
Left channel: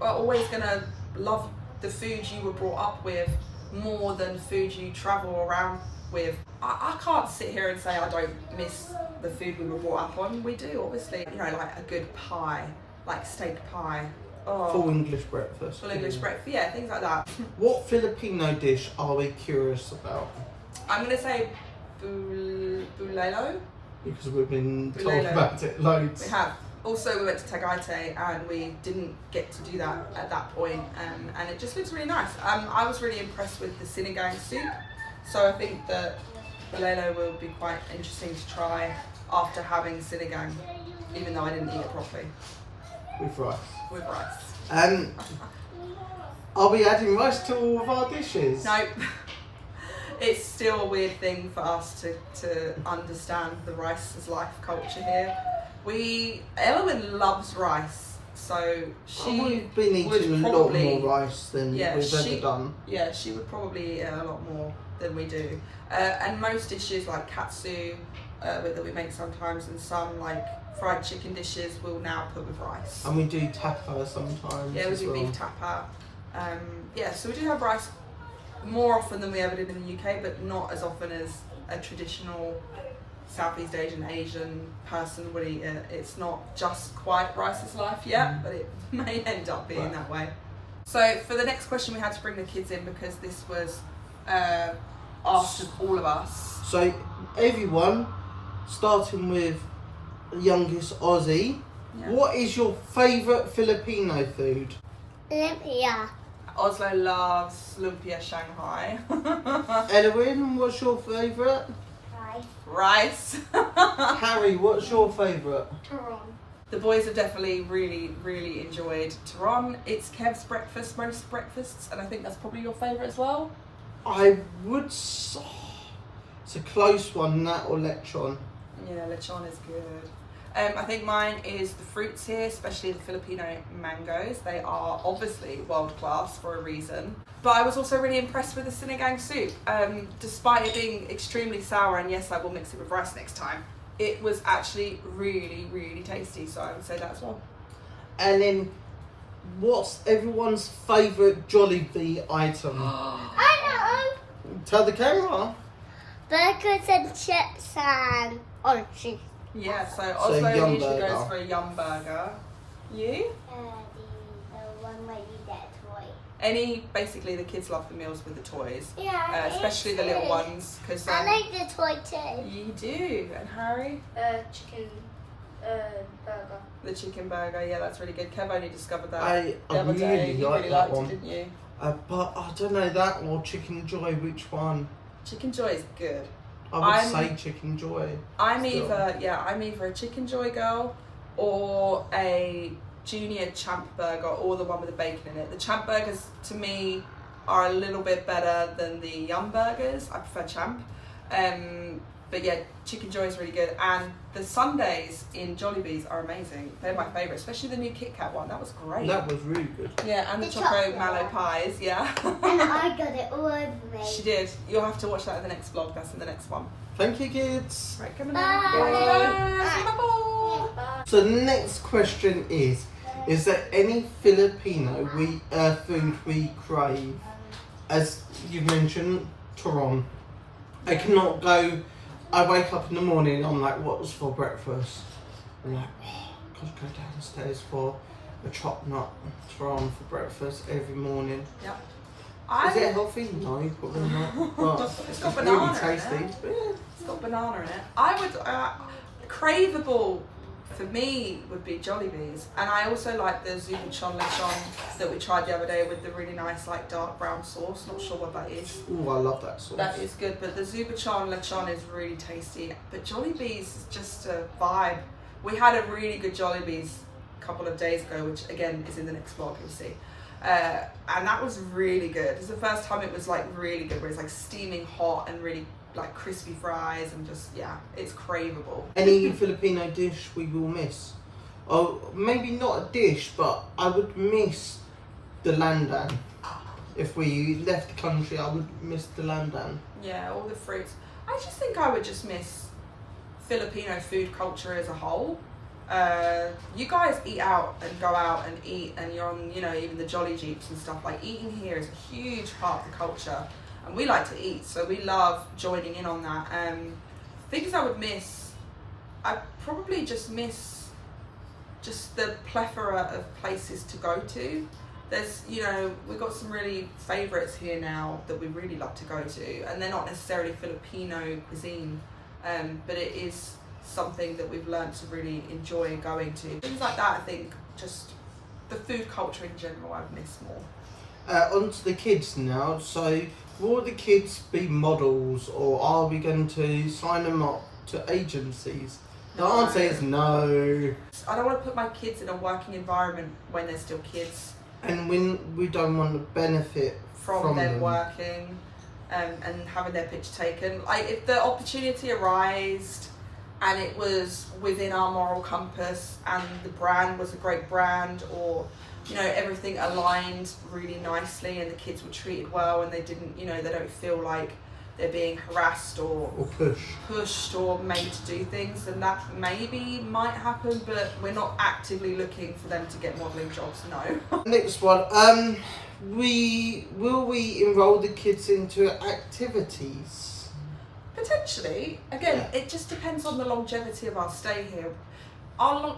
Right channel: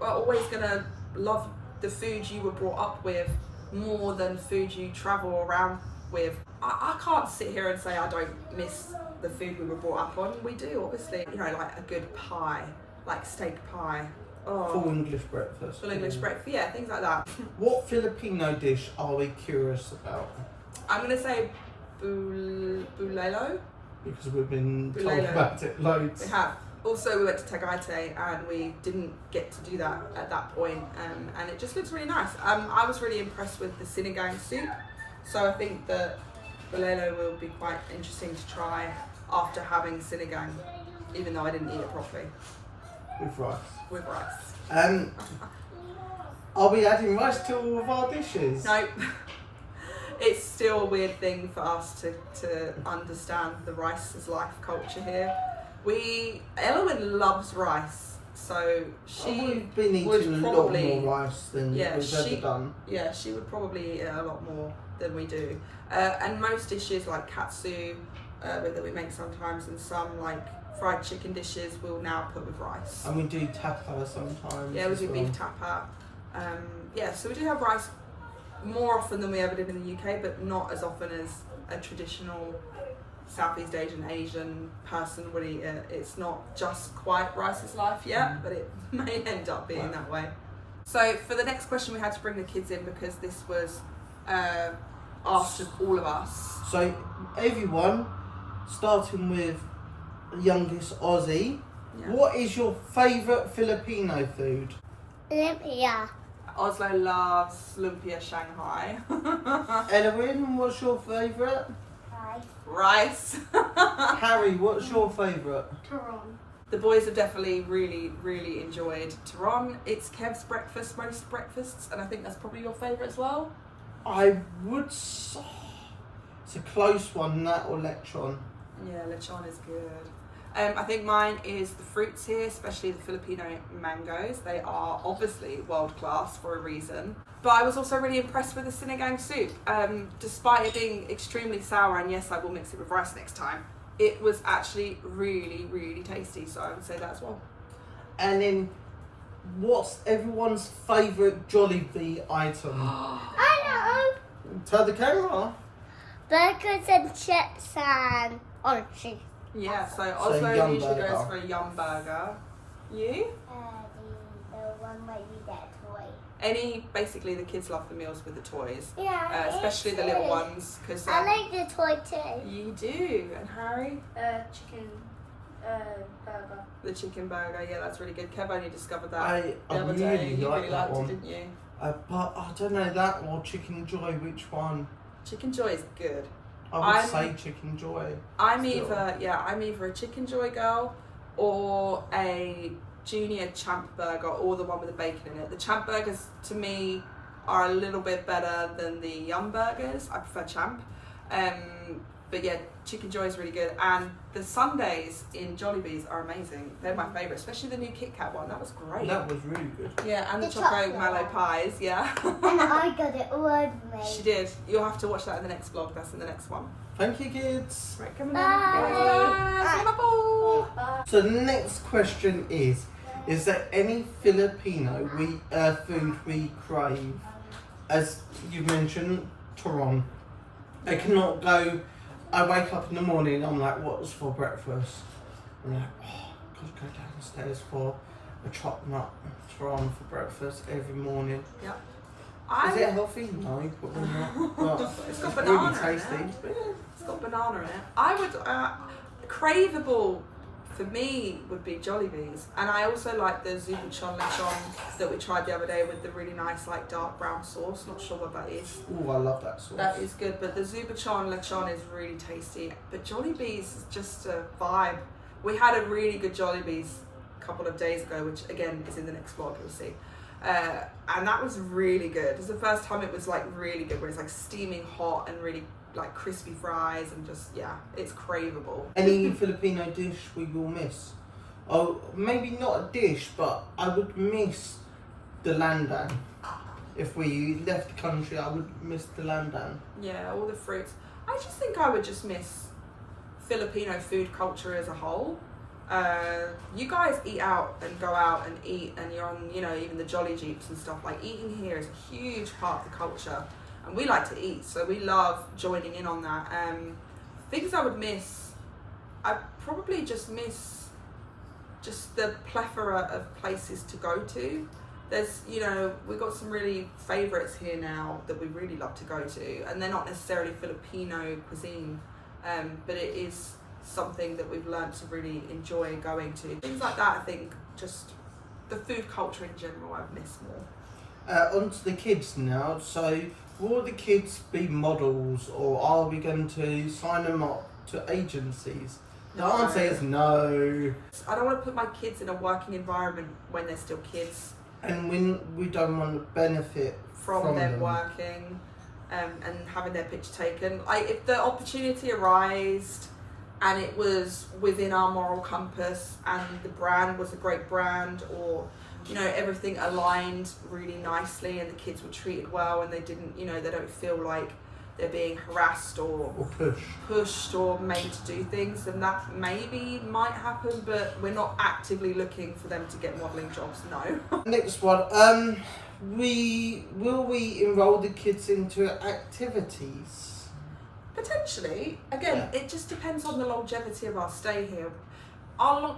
are always gonna love the food you were brought up with more than food you travel around with. I can't sit here and say I don't miss the food we were brought up on. We do, obviously. Like a good pie, like steak pie. Oh, full English breakfast. Full English breakfast, yeah, things like that. What Filipino dish are we curious about? I'm gonna say bulelo. Because we've been told about it loads. We have. Also, we went to Tagaytay and we didn't get to do that at that point, and it just looks really nice. I was really impressed with the sinigang soup, so I think that bulelo will be quite interesting to try after having sinigang, even though I didn't eat it properly. With rice. With rice. Are we adding rice to all of our dishes? Nope. It's still a weird thing for us to understand the rice as life culture here. Elowen loves rice, so we've been eating a lot more rice than we've ever done. Yeah, she would probably eat a lot more than we do. And most dishes like katsu that we make sometimes, and some like fried chicken dishes we'll now put with rice. And we do tapa sometimes. Yeah, we do beef tapa. So we do have rice more often than we ever did in the UK, but not as often as a traditional Southeast Asian person would eat it. It's not just quite Rice's life yet, but it may end up being that way. So for the next question, we had to bring the kids in because this was asked of all of us. So everyone, starting with the youngest Aussie, what is your favourite Filipino food? Lumpia. Oslo loves lumpia Shanghai. Elwin, what's your favourite? Rice. Harry, what's your favourite? Turon. The boys have definitely really enjoyed Turon. It's Kev's breakfast, most breakfasts, and I think that's probably your favourite as well. I would say it's a close one, that or lechon. Yeah, lechon is good. I think mine is the fruits here, especially the Filipino mangoes. They are obviously world class for a reason. But I was also really impressed with the sinigang soup. Despite it being extremely sour, and yes, I will mix it with rice next time, it was actually really tasty. So I would say that as well. And then, what's everyone's favourite Jollibee item? I know. Tell the camera. Burgers and chips and orange juice. Yeah, so Oslo yum usually burger. goes for a yum burger. You? The one where you get a toy. Basically the kids love the meals with the toys. Yeah, especially the little ones. Cause, I like the toy too. You do. And Harry? Chicken burger. The chicken burger, yeah, that's really good. Kev only discovered that I the other day. really You like really that liked one. it, didn't you? But I don't know, that or Chicken Joy, which one? Chicken Joy is good. I would say Chicken Joy. I'm still. either a Chicken Joy girl or a junior champ burger, or the one with the bacon in it. The champ burgers to me are a little bit better than the yum burgers. I prefer champ. But yeah, Chicken Joy is really good, and the sundaes in Jollibee's are amazing. They're my favourite, especially the new Kit Kat one. That was great. That was really good. Yeah, and the The choco chocolate mallow one. pies. Yeah. And I got it all over me. She did. You'll have to watch that in the next vlog. That's in the next one. Thank you, kids. Right, come on. Bye. Bye. So the next question is there any Filipino food we crave? As you mentioned, Turon. I cannot go. I wake up in the morning, I'm like, what's for breakfast? I'm like, oh, I've got to go downstairs for a chopped nut Turon for breakfast every morning. Yep. Is it healthy? No, probably not. But It's got really banana in tasty. it. But yeah. It's got banana in it. I would craveable for me would be Jollibee's, and I also like the Zupachon lechon that we tried the other day with the really nice like dark brown sauce. Not sure what that is. Oh, I love that sauce. That is good, but the Zupachon lechon is really tasty. But Jollibee's is just a vibe. We had a really good Jollibee's a couple of days ago, which again is in the next vlog, you'll see. And that was really good. It was the first time it was like really good, where it's like steaming hot and really like crispy fries, and just, yeah, it's craveable. Any Filipino dish we will miss? Oh, maybe not a dish, but I would miss the landan. If we left the country, I would miss the landan. Yeah, all the fruits. I just think I would just miss Filipino food culture as a whole. You guys eat out and go out and eat, and you're on, you know, even the Jolly Jeeps and stuff. Like, eating here is a huge part of the culture, and we like to eat, so we love joining in on that. Things I would miss, I probably just miss just the plethora of places to go to. There's, you know, we've got some really favourites here now that we really love to go to, and they're not necessarily Filipino cuisine, but it is something that we've learned to really enjoy going to. Things like that, I think, just the food culture in general, I've missed more. On to the kids now. So, will the kids be models, or are we going to sign them up to agencies? The No. answer is no. I don't want to put my kids in a working environment when they're still kids, And when we don't want to benefit from them working and having their picture taken. Like, if the opportunity arose and it was within our moral compass and the brand was a great brand, or, you know, everything aligned really nicely and the kids were treated well and they didn't, you know, they don't feel like they're being harassed or pushed or made to do things, then that maybe might happen, but we're not actively looking for them to get modelling jobs, no. Next one. Will we enroll the kids into activities? Potentially. Again, it just depends on the longevity of our stay here. To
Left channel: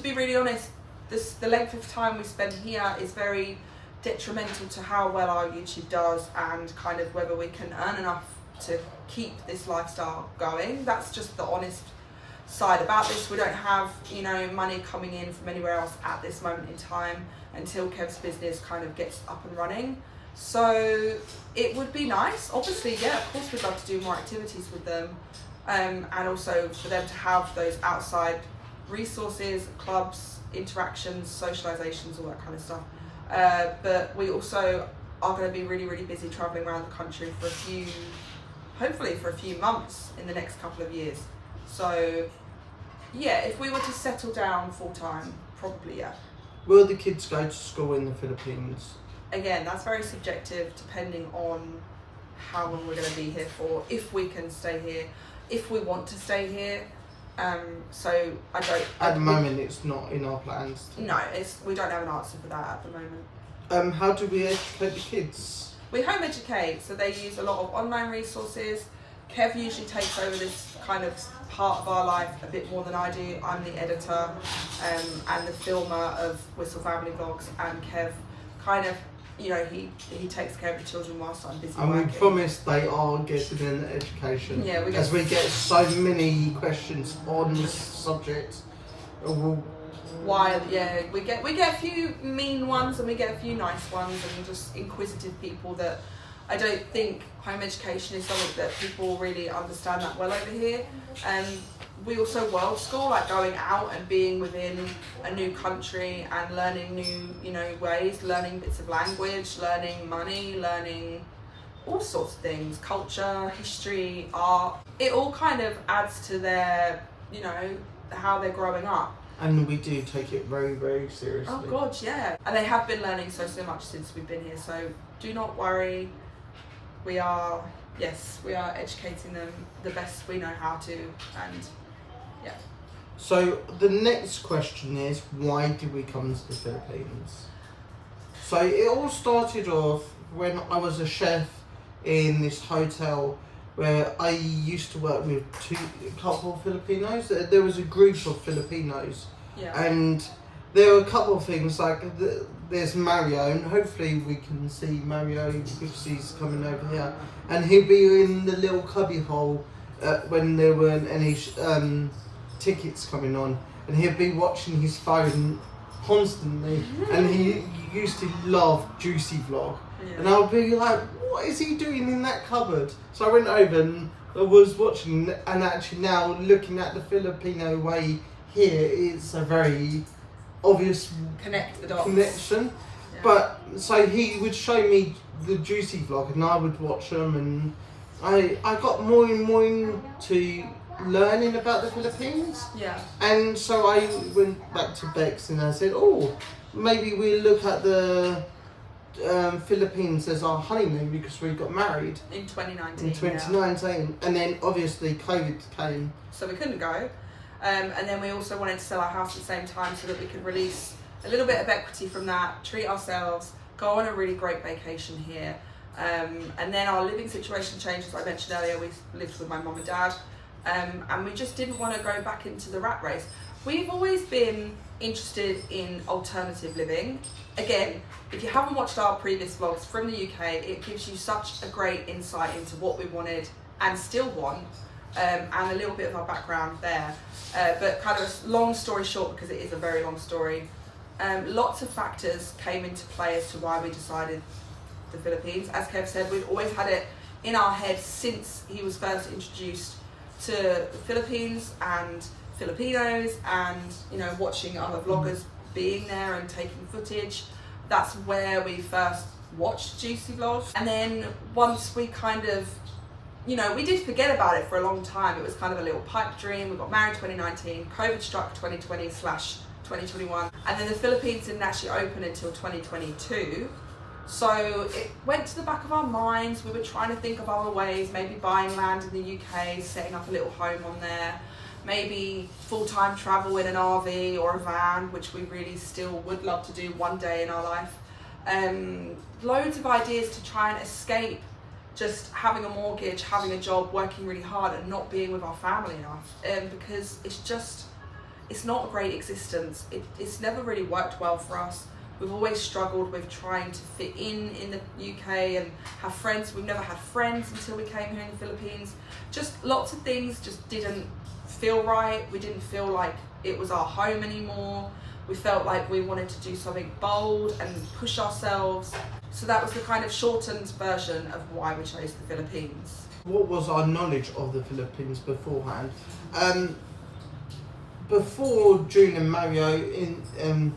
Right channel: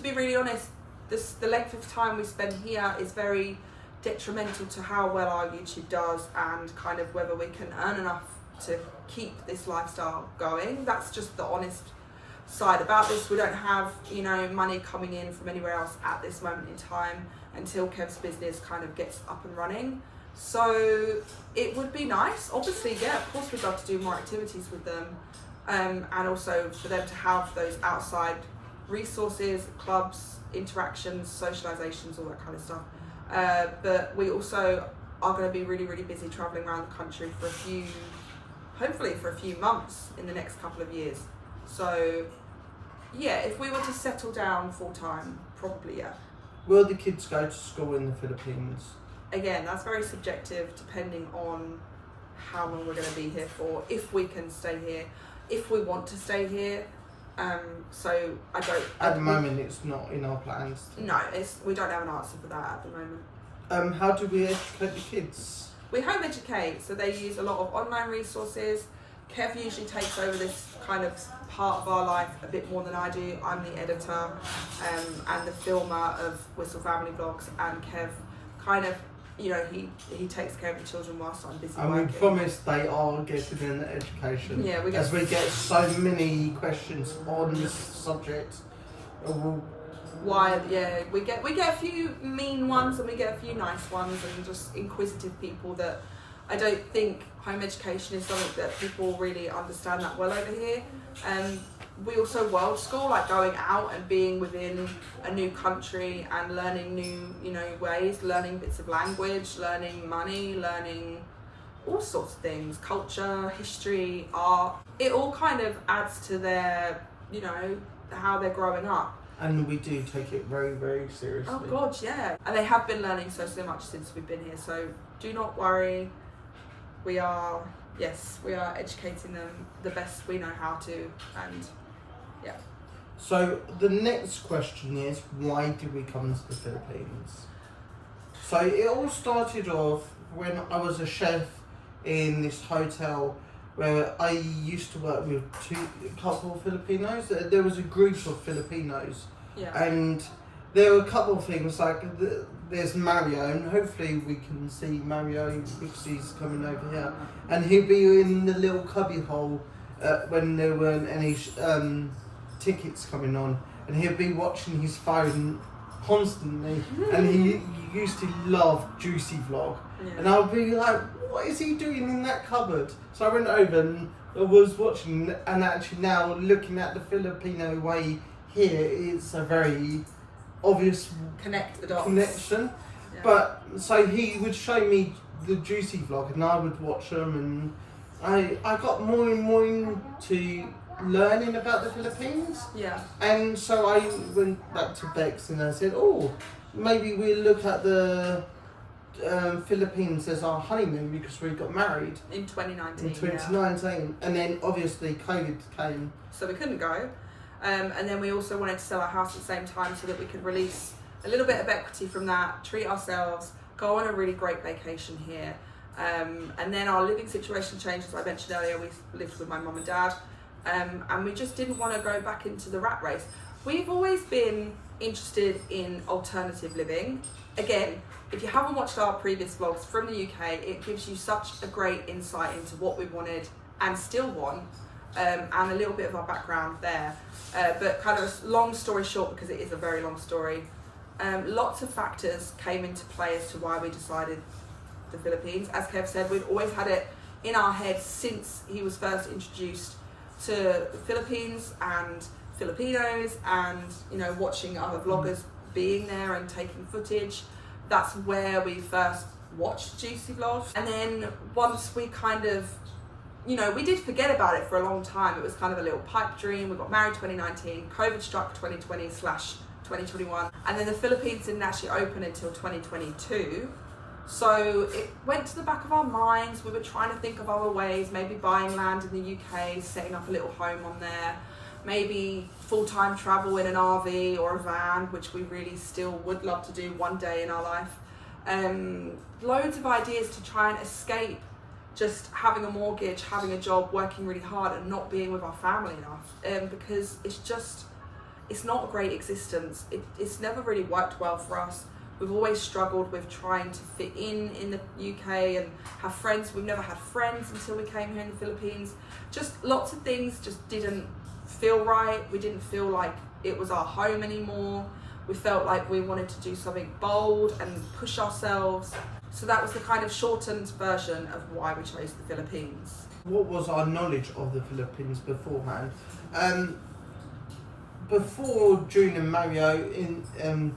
be really honest, the length of time we spend here is very detrimental to how well our YouTube does and kind of whether we can earn enough to keep this lifestyle going. That's just the honest side about this. We don't have, you know, money coming in from anywhere else at this moment in time until Kev's business kind of gets up and running. So it would be nice, obviously, yeah, of course we'd love to do more activities with them, and also for them to have those outside resources, clubs, interactions, socializations, all that kind of stuff. But we also are going to be really, really busy traveling around the country for hopefully for a few months in the next couple of years. So yeah, if we were to settle down full time, probably yeah. Will the kids go to school in the Philippines? Again, that's very subjective depending on how long we're going to be here for, if we can stay here, if we want to stay here. So I don't... At the moment, it's not in our plans. No, we don't have an answer for that at the moment. How do we educate the kids? We home educate, so they use a lot of online resources. Kev usually takes over this kind of part of our life a bit more than I do. I'm the editor and the filmer of Wistl Family Vlogs, and Kev kind of, you know, he takes care of the children whilst I'm busy working. And we promise they are getting an education. Yeah, we get so many questions on this subject. Why? Yeah, we get a few mean ones and we get a few nice ones, and just inquisitive people that I don't think home education is something that people really understand that well over here. We also world school, like going out and being within a new country and learning new, you know, ways, learning bits of language, learning money, learning all sorts of things, culture, history, art. It all kind of adds to their, you know, how they're growing up. And we do take it very, very seriously. Oh God, yeah. And they have been learning so much since we've been here, so do not worry. We are educating them the best we know how to, and yeah. So the next question is, why did we come to the Philippines? So it all started off when I was a chef in this hotel where I used to work with a couple of Filipinos. There was a group of Filipinos, and there were a couple of things like there's Mario, and hopefully we can see Mario because he's coming over here, and he'll be in the little cubby hole when there weren't any tickets coming on, and he'll be watching his phone constantly, and he used to love Juicy Vlog, and I'll be like, what is he doing in that cupboard? So I went over and I was watching, and actually now looking at the Filipino way here, it's a very obvious connection. Yeah. But so he would show me the Juicy Vlog and I would watch them, and I got more and more into learning about the Philippines. Yeah. And so I went back to Bex and I said, oh, maybe we'll look at the Philippines as our honeymoon because we got married in 2019. In 2019, and then obviously COVID came, so we couldn't go. And then we also wanted to sell our house at the same time so that we could release a little bit of equity from that, treat ourselves, go on a really great vacation here. And then our living situation changed, as I mentioned earlier. We lived with my mum and dad, and we just didn't want to go back into the rat race. We've always been interested in alternative living. Again, if you haven't watched our previous vlogs from the UK, it gives you such a great insight into what we wanted and still want, and a little bit of our background there. But kind of a long story short, because it is a very long story, lots of factors came into play as to why we decided the Philippines. As Kev said, we'd always had it in our heads since he was first introduced to the Philippines and Filipinos, and you know, watching other vloggers being there and taking footage. That's where we first watched Juicy Vlogs. And then once we kind of, you know, we did forget about it for a long time. It was kind of a little pipe dream. We got married 2019, COVID struck 2020/2021, and then the Philippines didn't actually open until 2022. So it went to the back of our minds. We were trying to think of other ways, maybe buying land in the UK, setting up a little home on there, maybe full-time travel in an RV or a van, which we really still would love to do one day in our life. Loads of ideas to try and escape just having a mortgage, having a job, working really hard and not being with our family enough, because it's not a great existence. It's never really worked well for us. We've always struggled with trying to fit in the UK and have friends. We've never had friends until we came here in the Philippines. Just lots of things just didn't feel right. We didn't feel like it was our home anymore. We felt like we wanted to do something bold and push ourselves. So that was the kind of shortened version of why we chose the Philippines. What was our knowledge of the Philippines beforehand? Before June and Mario,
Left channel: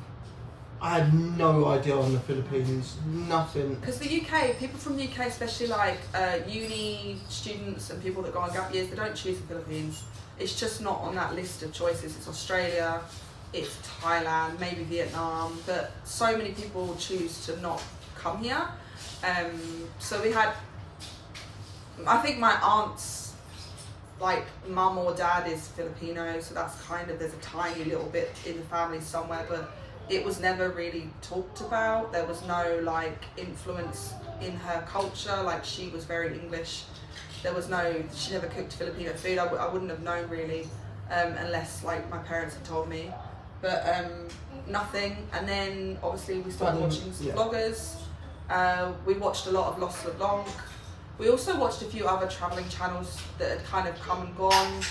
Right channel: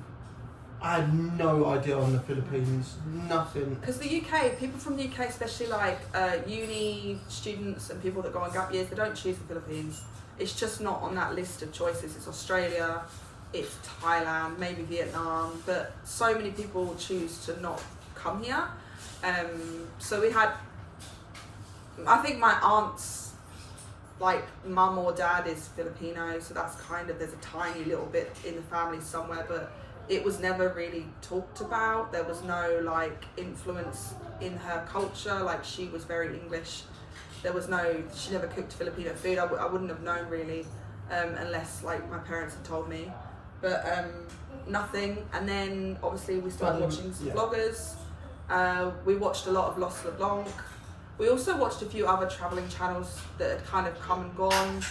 I had no idea on the Philippines, nothing. Because the UK, people from the UK, especially like uni students and people that go on gap years, they don't choose the Philippines. It's just not on that list of choices. It's Australia, it's Thailand, maybe Vietnam, but so many people choose to not come here. So we had, I think my aunt's like mum or dad is Filipino, so that's kind of, there's a tiny little bit in the family somewhere, but it was never really talked about. There was no like influence in her culture, like she was very English. There was no, she never cooked Filipino food. I wouldn't have known really, unless like my parents had told me, but nothing. And then obviously we started watching vloggers. We watched a lot of Wistl Blanc. We also watched a few other travelling channels that had kind of come and gone.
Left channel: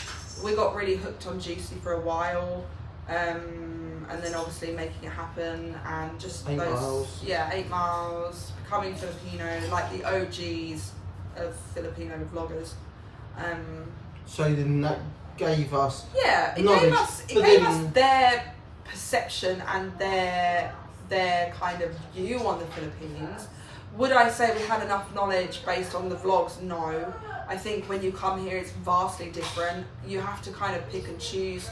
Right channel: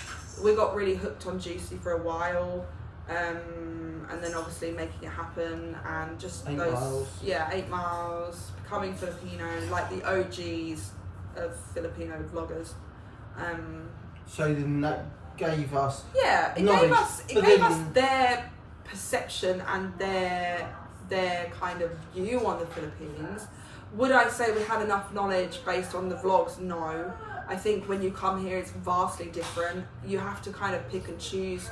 We got really hooked on Juicy for a while, and then obviously Making It Happen and just 8 Miles. Yeah, 8 Miles, Becoming Filipino, like the OGs of Filipino vloggers. So then that gave us it knowledge, gave us their perception and their kind of view on the Philippines. Would I say we had enough knowledge based on the vlogs? No. I think when you come here it's vastly different. You have to kind of pick and choose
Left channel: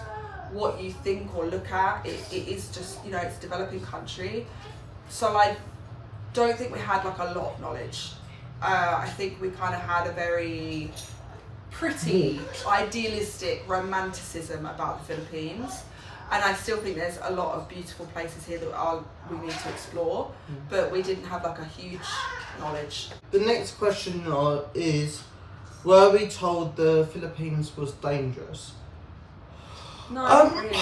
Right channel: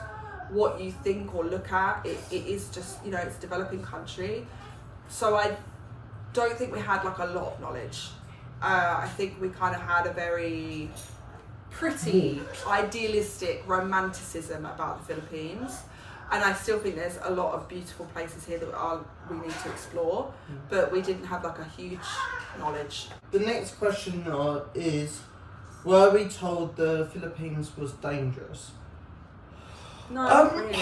what you think or look at. It is just, you know, it's a developing country. So I don't think we had like a lot of knowledge. I think we kind of had a very pretty idealistic romanticism about the Philippines. And I still think there's a lot of beautiful places here that we need to explore, but we didn't have like a huge knowledge. The next question is, were we told the Philippines was dangerous? No, not really.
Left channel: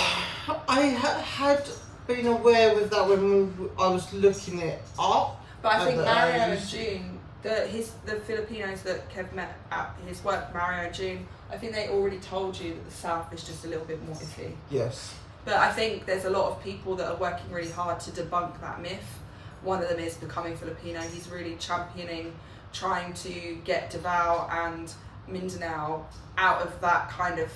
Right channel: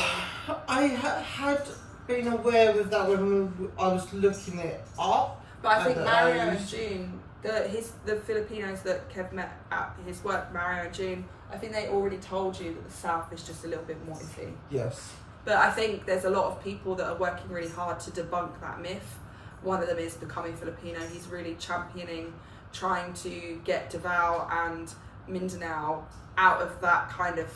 I had been aware of that when I was looking it up. But I think Mario and June, the Filipinos that Kev met at his work, Mario and June, I think they already told you that the South is just a little bit more iffy. Yes. But I think there's a lot of people that are working really hard to debunk that myth. One of them is Becoming Filipino. He's really championing, trying to get Davao and Mindanao out of that kind of,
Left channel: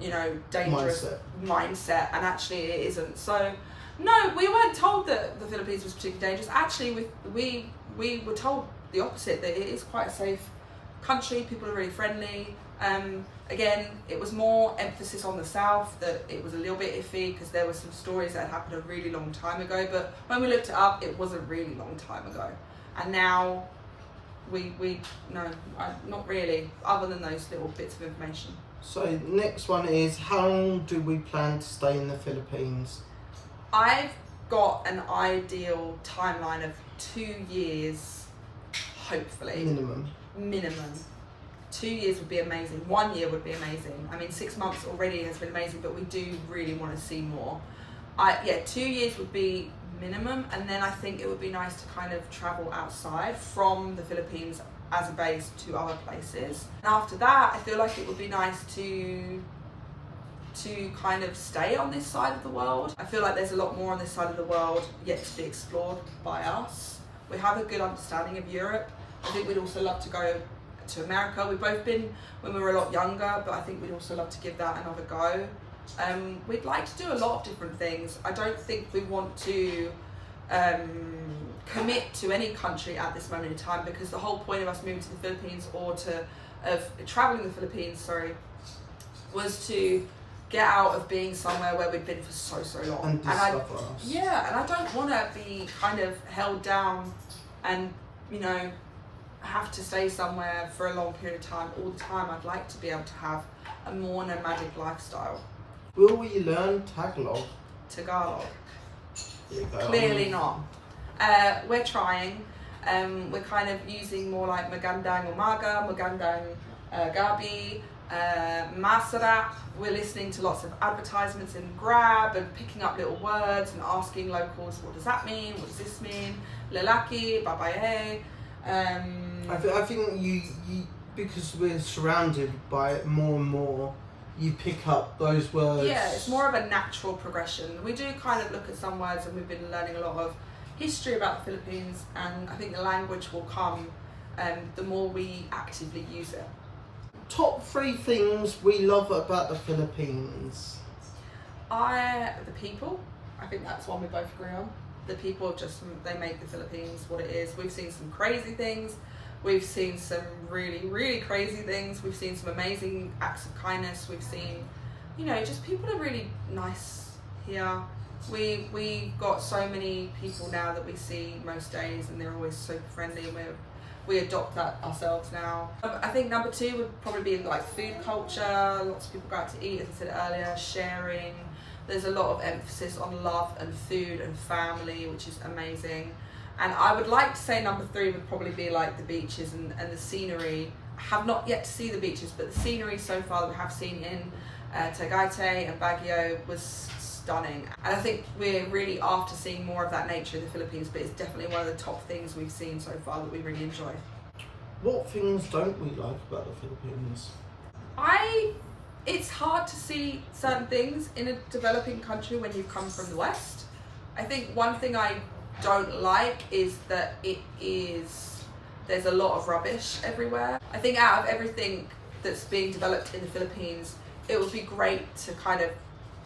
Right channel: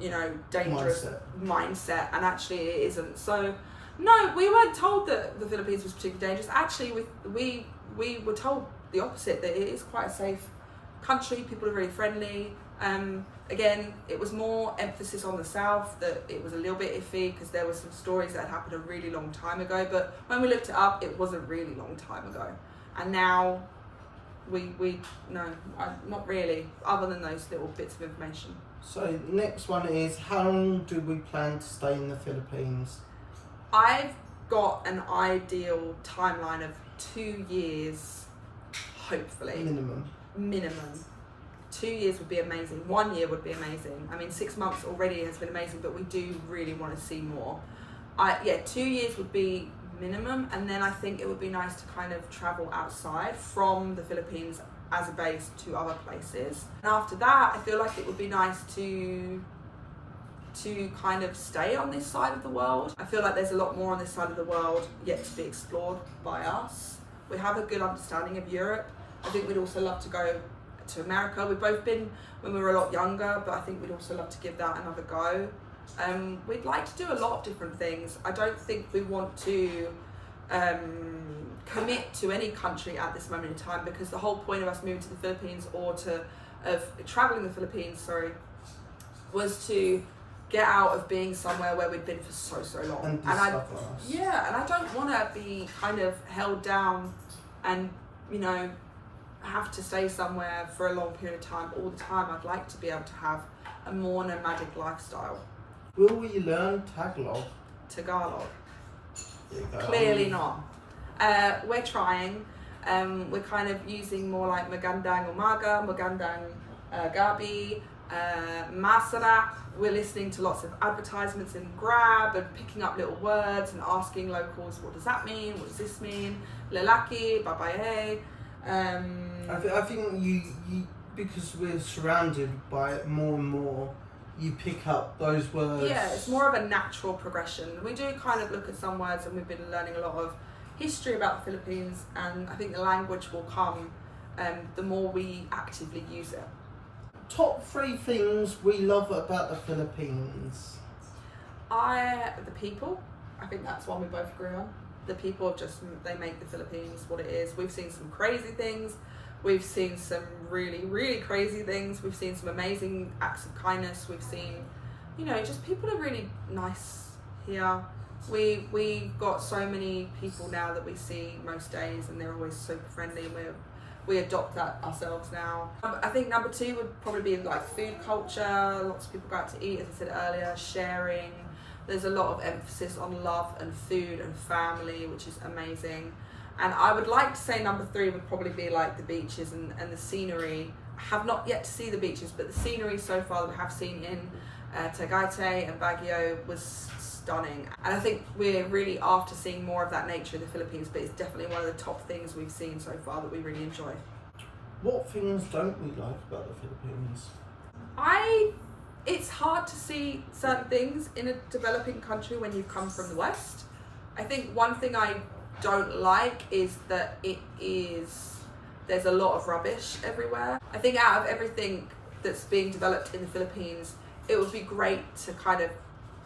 you know, dangerous mindset. And actually it isn't. So no, we weren't told that the Philippines was particularly dangerous. Actually, we were told the opposite, that it is quite a safe country. People are really friendly. Again, it was more emphasis on the South, that it was a little bit iffy because there were some stories that had happened a really long time ago, but when we looked it up, it was a really long time ago. And now not really, other than those little bits of information. So next one is, how long do we plan to stay in the Philippines? I've got an ideal timeline of 2 years, hopefully. Minimum. 2 years would be amazing. 1 year would be amazing. I mean, 6 months already has been amazing, but we do really want to see more. 2 years would be minimum, and then I think it would be nice to kind of travel outside from the Philippines as a base to other places. And after that, I feel like it would be nice to kind of stay on this side of the world. I feel like there's a lot more on this side of the world yet to be explored by us. We have a good understanding of Europe. I think we'd also love to go to America. We've both been when we were a lot younger, but I think we'd also love to give that another go. We'd like to do a lot of different things. I don't think we want to commit to any country at this moment in time, because the whole point of us moving to the Philippines, or of traveling the Philippines, was to get out of being somewhere where we'd been for so long. And I don't want to be kind of held down and, you know, have to stay somewhere for a long period of time all the time. I'd like to be able to have a more nomadic lifestyle. Will we learn Tagalog? Clearly not. We're trying. We're kind of using more like magandang umaga, magandang gabi, masarap. We're listening to lots of advertisements in Grab and picking up little words and asking locals, what does that mean? What does this mean? Lelaki, babae. I think you because we're surrounded by it more and more, you pick up those words. Yeah, it's more of a natural progression. We do kind of look at some words, and we've been learning a lot of history about the Philippines, and I think the language will come the more we actively use it. Top 3 things we love about the Philippines. The people. I think that's one we both agree on. The people they make the Philippines what it is. We've seen some crazy things. We've seen some really, really crazy things. We've seen some amazing acts of kindness. We've seen, just people are really nice here. We've got so many people now that we see most days, and they're always super friendly, and we adopt that ourselves now. I think number 2 would probably be like food culture. Lots of people go out to eat, as I said earlier, sharing. There's a lot of emphasis on love and food and family, which is amazing. And I would like to say number 3 would probably be like the beaches and the scenery. I have not yet to see the beaches, but the scenery so far that we have seen in Tagaytay and Baguio was stunning. And I think we're really after seeing more of that nature in the Philippines, but it's definitely one of the top things we've seen so far that we really enjoy. What things don't we like about the Philippines? It's hard to see certain things in a developing country when you come from the West. I think one thing I don't like is that there's a lot of rubbish everywhere. I think out of everything that's being developed in the Philippines, it would be great to kind of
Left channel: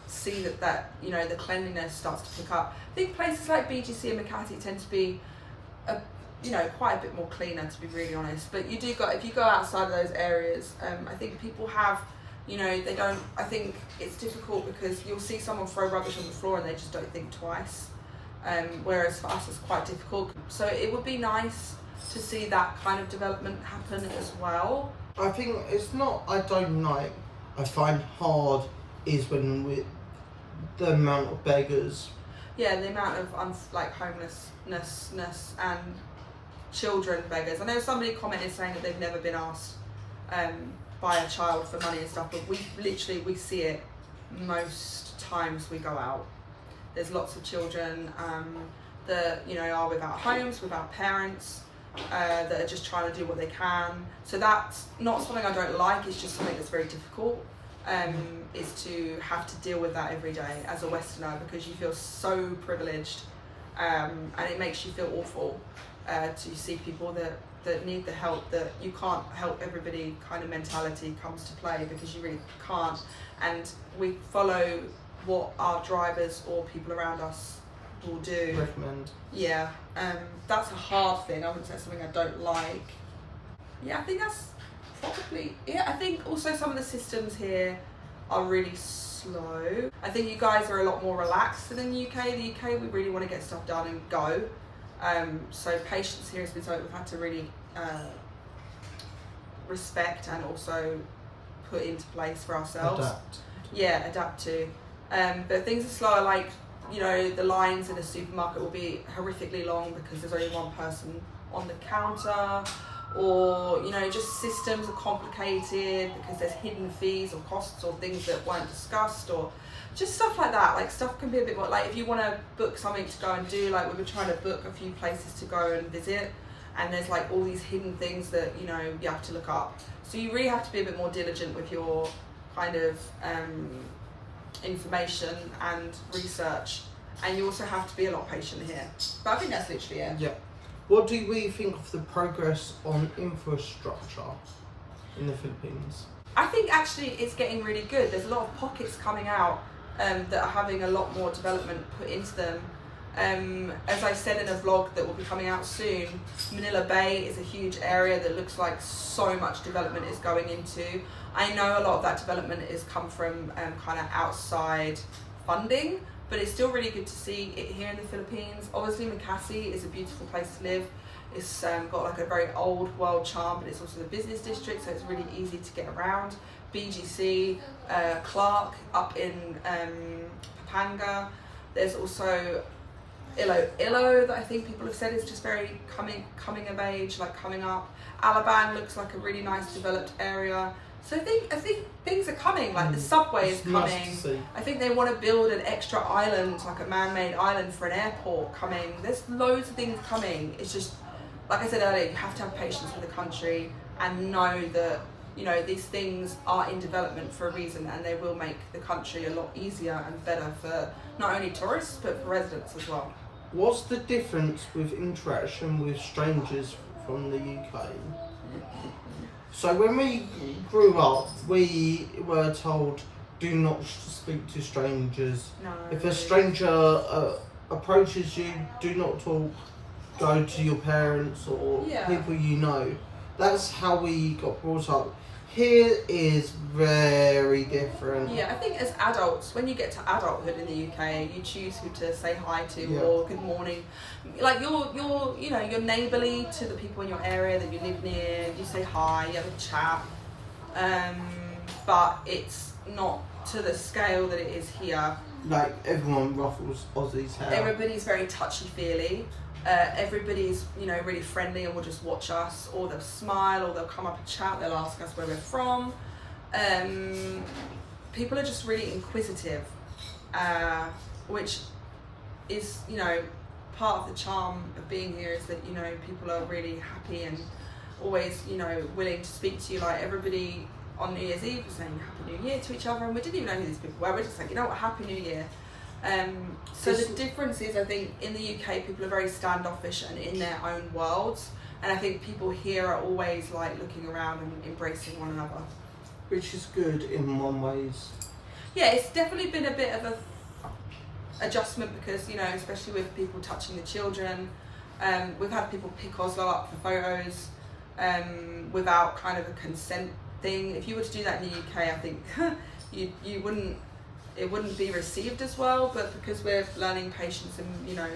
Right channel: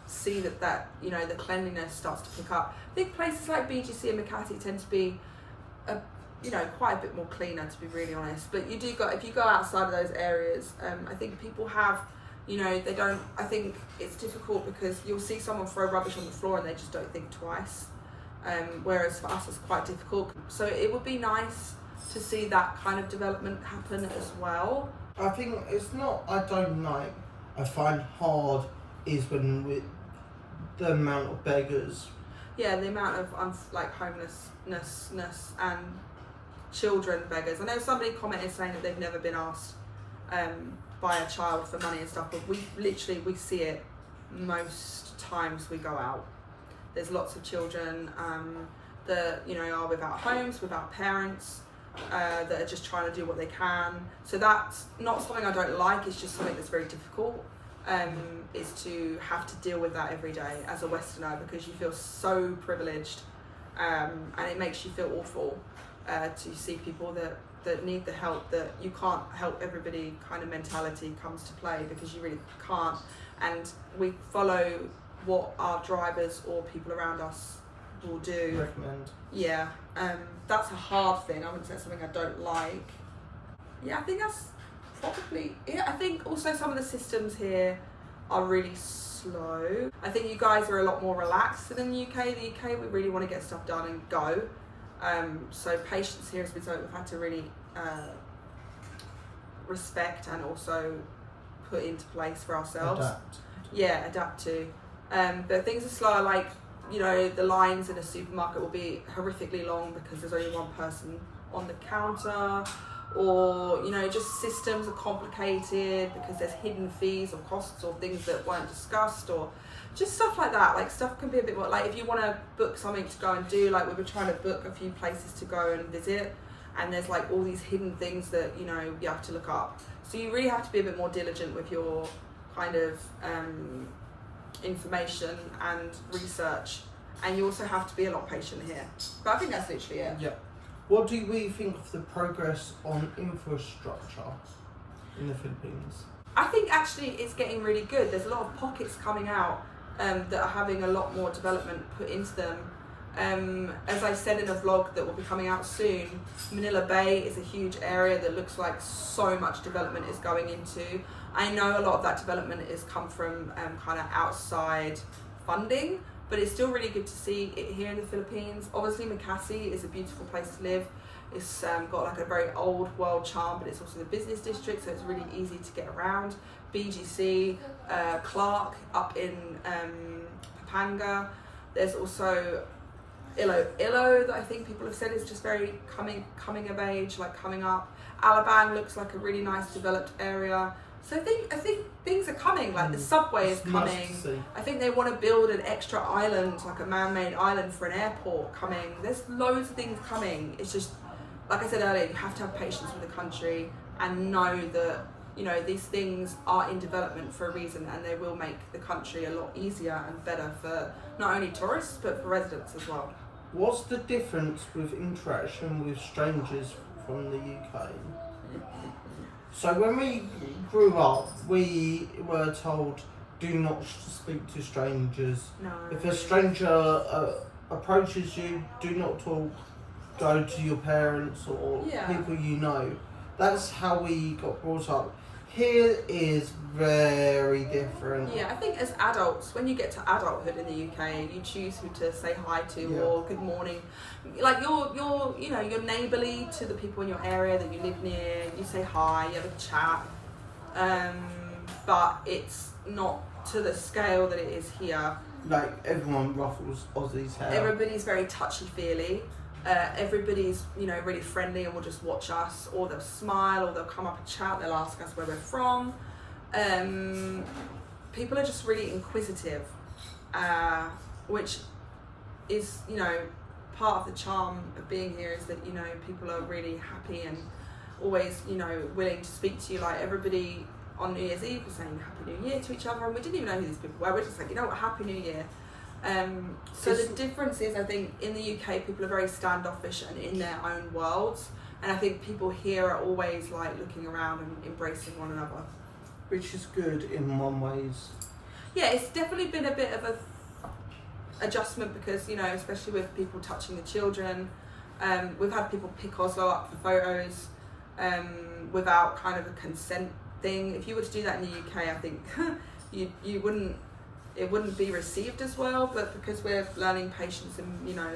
see that the cleanliness starts to pick up. I think places like BGC and Makati tend to be quite a bit more cleaner, to be really honest. But if you go outside of those areas, I think people have, they don't. I think it's difficult because you'll see someone throw rubbish on the floor and they just don't think twice. Whereas for us it's quite difficult. So it would be nice to see that kind of development happen as well. I think it's not I don't like, I find hard is when the amount of beggars. Yeah, the amount of homelessness and children beggars. I know somebody commented saying that they've never been asked by a child for money and stuff, but we see it most times we go out. There's lots of children that are without homes, without parents, that are just trying to do what they can. So that's not something I don't like. It's just something that's very difficult. Is to have to deal with that every day as a Westerner, because you feel so privileged, and it makes you feel awful to see people that need the help, that you can't help everybody kind of mentality comes to play, because you really can't. And we follow what our drivers or people around us will do. Recommend. Yeah, that's a hard thing. I wouldn't say it's something I don't like. Yeah, I think that's probably it. I think also some of the systems here are really slow. I think you guys are a lot more relaxed than in the UK. The UK, we really want to get stuff done and go. So patience here has been something we've had to really respect and also put into place for ourselves. Adapt. Yeah, adapt to. But things are slower, like, the lines in a supermarket will be horrifically long because there's only one person on the counter, or, just systems are complicated because there's hidden fees or costs or things that weren't discussed, or just stuff like that. Like, stuff can be a bit more, like, if you want to book something to go and do, like, we were trying to book a few places to go and visit, and there's like all these hidden things that, you have to look up. So you really have to be a bit more diligent with your kind of information and research, and you also have to be a lot patient here. But I think that's literally it. Yeah. What do we think of the progress on infrastructure in the Philippines? I think actually it's getting really good. There's a lot of pockets coming out that are having a lot more development put into them. As I said in a vlog that will be coming out soon, Manila Bay is a huge area that looks like so much development is going into. I know a lot of that development has come from kind of outside funding, but it's still really good to see it here in the Philippines. Obviously Makati is a beautiful place to live. It's got like a very old world charm, but it's also the business district, so it's really easy to get around. BGC, Clark up in Pampanga. There's also Ilo that I think people have said is just very coming of age, like coming up. Alabang looks like a really nice developed area. So I think things are coming, like the subway is coming. I think they want to build an extra island, like a man-made island for an airport coming. There's loads of things coming. It's just, like I said earlier, you have to have patience with the country and know that, you know, these things are in development for a reason, and they will make the country a lot easier and better for not only tourists but for residents as well. What's the difference with interaction with strangers from the UK? So when we grew up, we were told, do not speak to strangers. No. If a stranger approaches you, do not talk. Go to your parents or people you know. That's how we got brought up. Here is very different. Yeah, I think as adults, when you get to adulthood in the UK, you choose who to say hi to or good morning. Like you're neighbourly to the people in your area that you live near. You say hi, you have a chat, but it's not to the scale that it is here. Like everyone ruffles Aussie's hair. Everybody's very touchy-feely. Everybody's, you know, really friendly and will just watch us, or they'll smile, or they'll come up and chat, they'll ask us where we're from. People are just really inquisitive, which is, you know, part of the charm of being here, is that, you know, people are really happy and always, you know, willing to speak to you. Like everybody on New Year's Eve was saying Happy New Year to each other, and we didn't even know who these people were. We're just like, you know what, Happy New Year. So the difference is, I think, in the UK, people are very standoffish and in their own worlds, and I think people here are always like looking around and embracing one another. Which is good in one ways. Yeah, it's definitely been a bit of a adjustment because, you know, especially with people touching the children, we've had people pick Oslo up for photos without kind of a consent thing. If you were to do that in the UK, I think you wouldn't. It wouldn't be received as well, but because we're learning patience and, you know,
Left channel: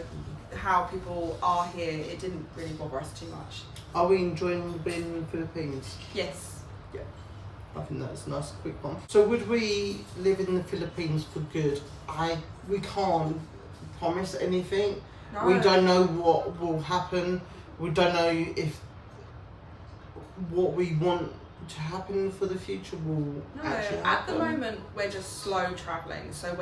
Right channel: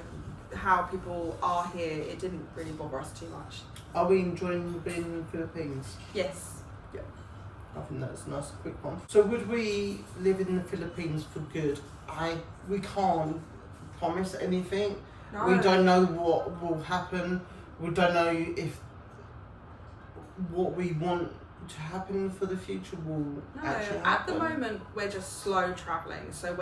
how people are here, it didn't really bother us too much. Are we enjoying being in the Philippines? Yes. Yeah. I think that's a nice quick one. So would we live in the Philippines for good? We can't promise anything. No. We don't know what will happen. We don't know if what we want to happen for the future will actually happen. At the moment we're just slow travelling. So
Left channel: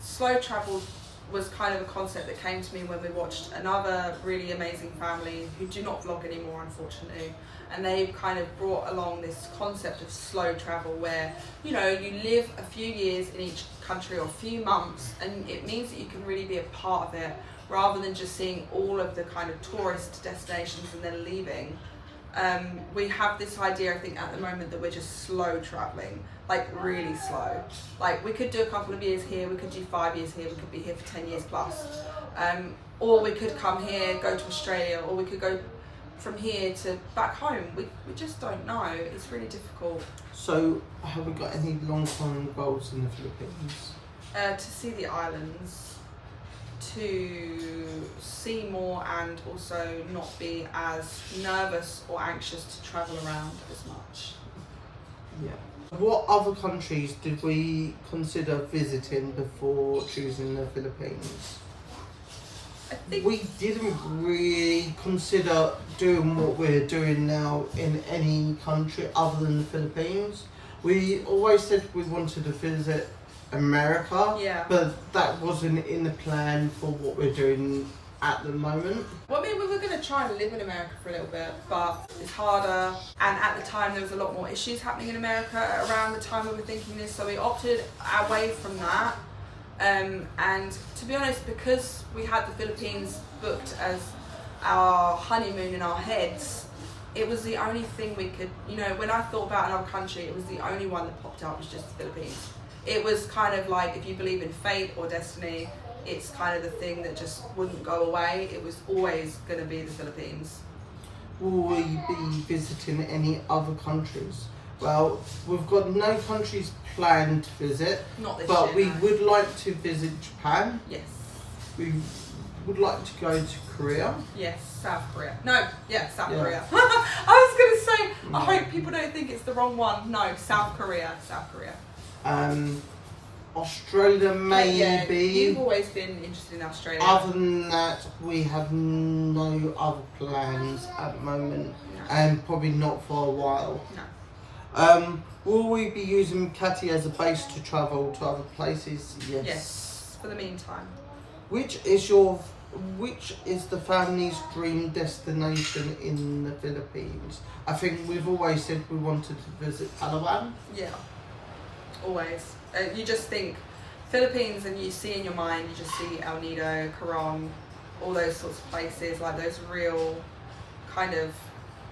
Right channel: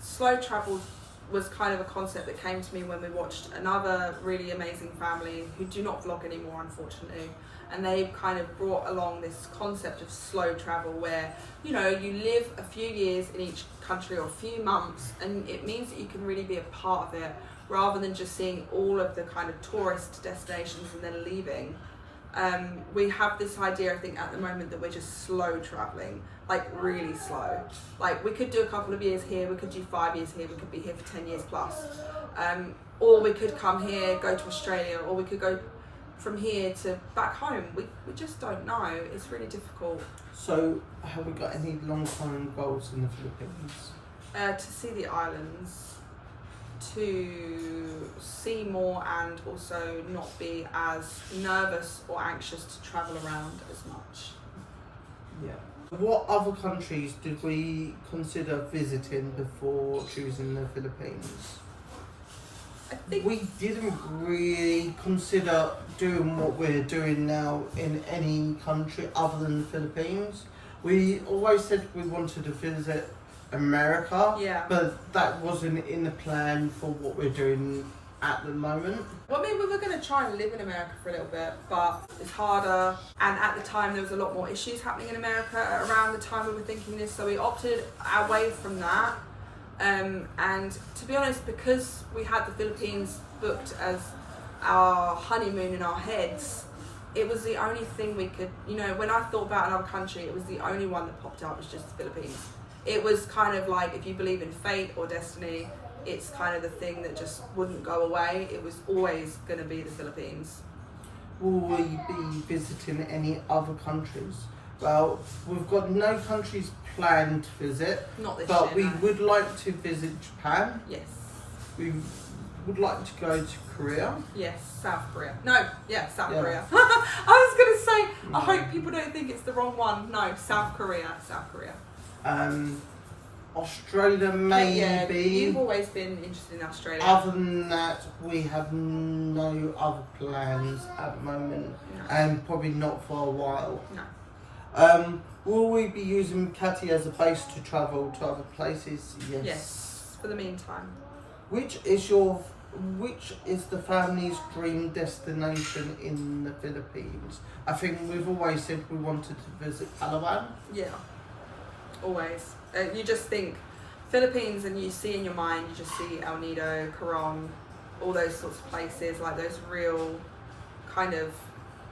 slow travel was kind of a concept that came to me when we watched another really amazing family who do not vlog anymore, unfortunately, and they've kind of brought along this concept of slow travel where, you know, you live a few years in each country or a few months, and it means that you can really be a part of it rather than just seeing all of the kind of tourist destinations and then leaving. We have this idea, I think, at the moment that we're just slow travelling, like really slow. Like we could do a couple of years here, we could do 5 years here, we could be here for 10 years plus. Or we could come here, go to Australia, or we could go from here to back home. We just don't know. It's really difficult. So have we got any long-term goals in the Philippines? To see the islands, to see more, and also not be as nervous or anxious to travel around as much. Yeah. What other countries did we consider visiting before choosing the Philippines? I think we didn't really consider doing what we're doing now in any country other than the Philippines. We always said we wanted to visit America, but that wasn't in the plan for what we're doing at the moment. Well, I mean, we were going to try and live in America for a little bit, but it's harder, and at the time there was a lot more issues happening in America around the time we were thinking this, so we opted away from that. And to be honest, because we had the Philippines booked as our honeymoon in our heads, it was the only thing we could, you know, when I thought about another country, it was the only one that popped up was just the Philippines. It was kind of like, if you believe in fate or destiny, it's kind of the thing that just wouldn't go away. It was always going to be the Philippines. Will we be visiting any other countries? Well, we've got no countries planned to visit. Not this but year, we would like to visit Japan. Yes. We would like to go to Korea. Yes, South Korea. No, South Korea. I was going to say, I hope people don't think it's the wrong one. No, South Korea. South Korea. Australia maybe. Yeah, you've always been interested in Australia. Other than that, we have no other plans at the moment, No. and probably not for a while. No. Will we be using Catty as a base to travel to other places? Yes. Yes, for the meantime. Which is the family's dream destination in the Philippines? I think we've always said we wanted to visit Palawan. Yeah, always. You just think Philippines and you see in your mind, you just see El Nido, Coron, all those sorts of places, like those real kind of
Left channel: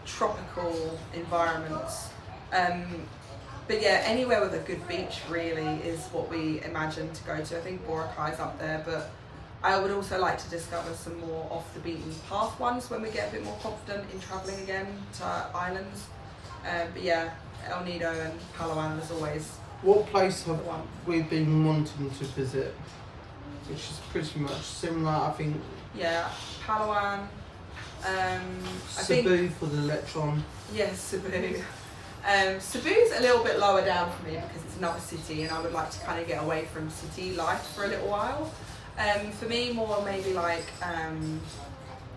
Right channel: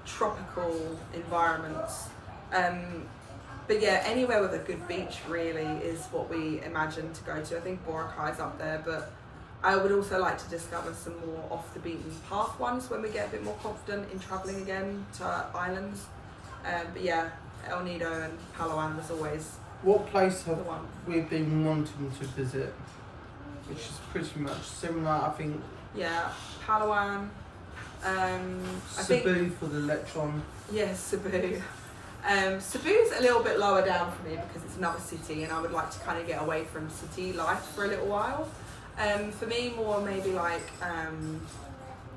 tropical environments. But yeah, anywhere with a good beach really is what we imagine to go to. I think Boracay's up there, but I would also like to discover some more off the beaten path ones when we get a bit more confident in travelling again to islands. But yeah, El Nido and Palawan was always What place have the one. we been wanting to visit? Which is pretty much similar, I think. Yeah, Palawan. Cebu for the Electron. Yes, Cebu. Cebu's a little bit lower down for me because it's another city and I would like to kind of get away from city life for a little while. For me, more maybe like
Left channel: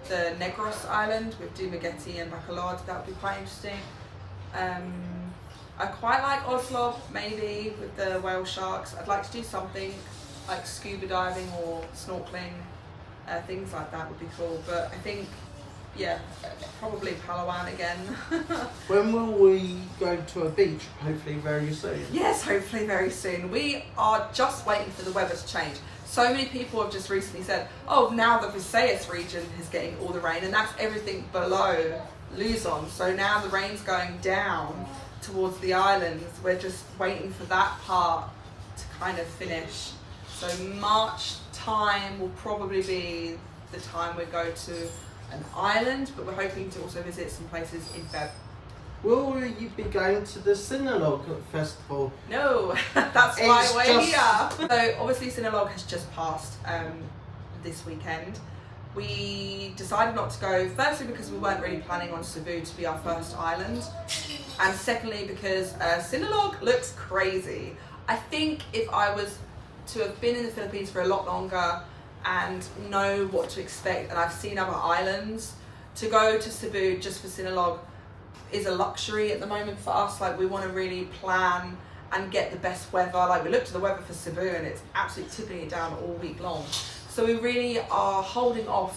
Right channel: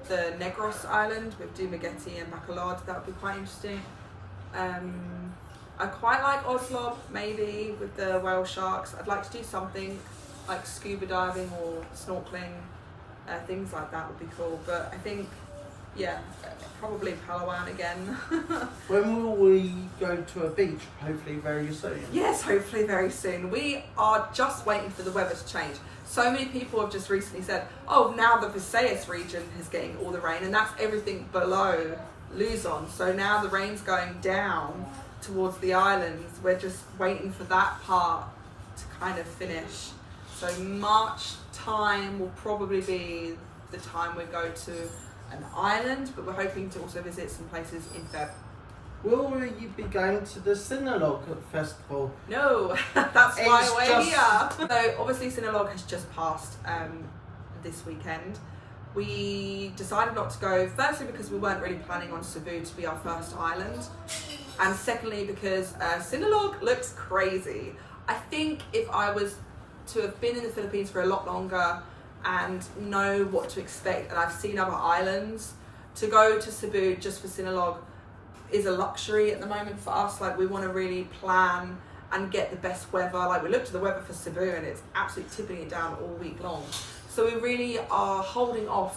the Negros Island with Dumaguete and Bacolod, that would be quite interesting. I quite like Oslo, maybe, with the whale sharks. I'd like to do something like scuba diving or snorkeling, things like that would be cool. But I think, yeah, probably Palawan again. When will we go to a beach? Hopefully very soon. Yes, hopefully very soon. We are just waiting for the weather to change. So many people have just recently said, oh, now the Visayas region is getting all the rain, and that's everything below Luzon. So now the rain's going down towards the islands. We're just waiting for that part to kind of finish. So March time will probably be the time we go to an island, but we're hoping to also visit some places in Feb. Will you be going to the Sinulog Festival? No, that's why It's we're just- here. So obviously Sinulog has just passed this weekend. We decided not to go, firstly because we weren't really planning on Cebu to be our first island, and secondly because Sinulog looks crazy. I think if I was to have been in the Philippines for a lot longer and know what to expect, and I've seen other islands, to go to Cebu just for Sinulog is a luxury at the moment for us. Like, we want to really plan and get the best weather. Like, we looked at the weather for Cebu and it's absolutely tipping it down all week long. So we really are holding off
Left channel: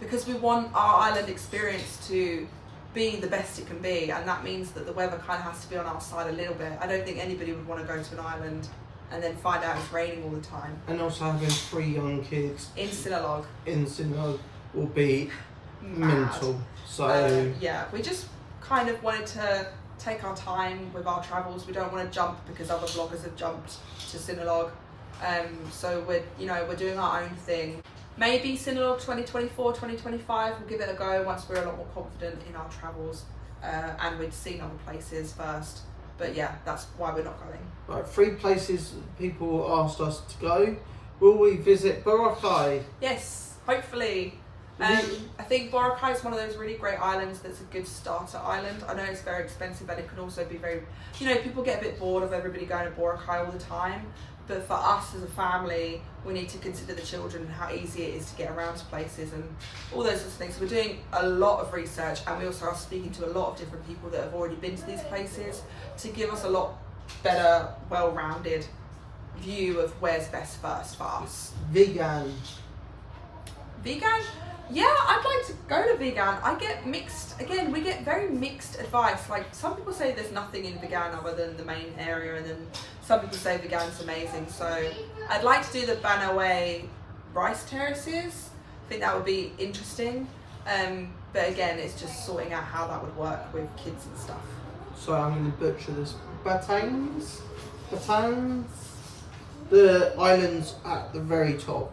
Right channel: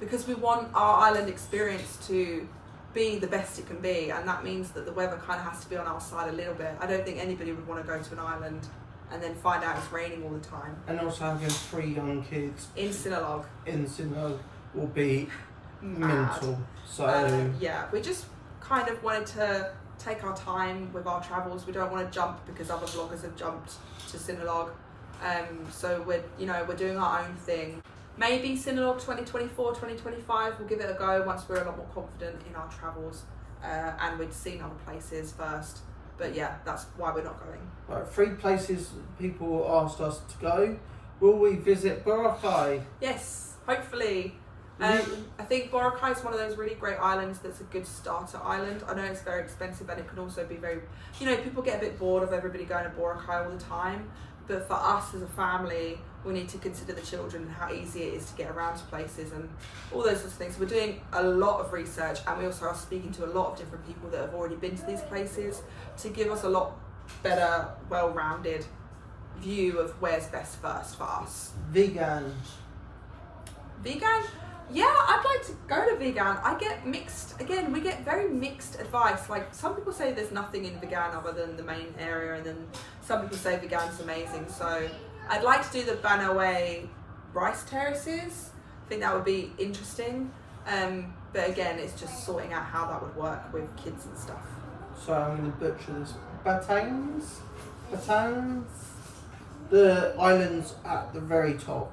because we want our island experience to be the best it can be, and that means that the weather kind of has to be on our side a little bit. I don't think anybody would want to go to an island and then find out it's raining all the time. And also having 3 young kids In Sinulog. in Sinulog will be Mad. mental. So yeah, we just kind of wanted to take our time with our travels. We don't want to jump because other vloggers have jumped to Sinulog. So we're doing our own thing. Maybe Sinulog 2024, 2025, we'll give it a go once we're a lot more confident in our travels and we'd seen other places first. But yeah, that's why we're not going. right, 3 places people asked us to go. Will we visit Boracay? Yes, hopefully. I think Boracay is one of those really great islands that's a good starter island. I know it's very expensive and it can also be very, people get a bit bored of everybody going to Boracay all the time. But for us as a family, we need to consider the children and how easy it is to get around to places and all those sorts of things. So we're doing a lot of research, and we also are speaking to a lot of different people that have already been to these places to give us a lot better, well-rounded view of where's best first for us. Vegan. Vegan? Yeah, I'd like to go to vegan. We get very mixed advice. Like, some people say there's nothing in vegan other than the main area, and then some people say vegan's amazing. So I'd like to do the Banaway rice terraces. I think that would be interesting. But again, it's just sorting out how that would work with kids and stuff. So I'm going to butcher this. Batangs? The islands at the very top.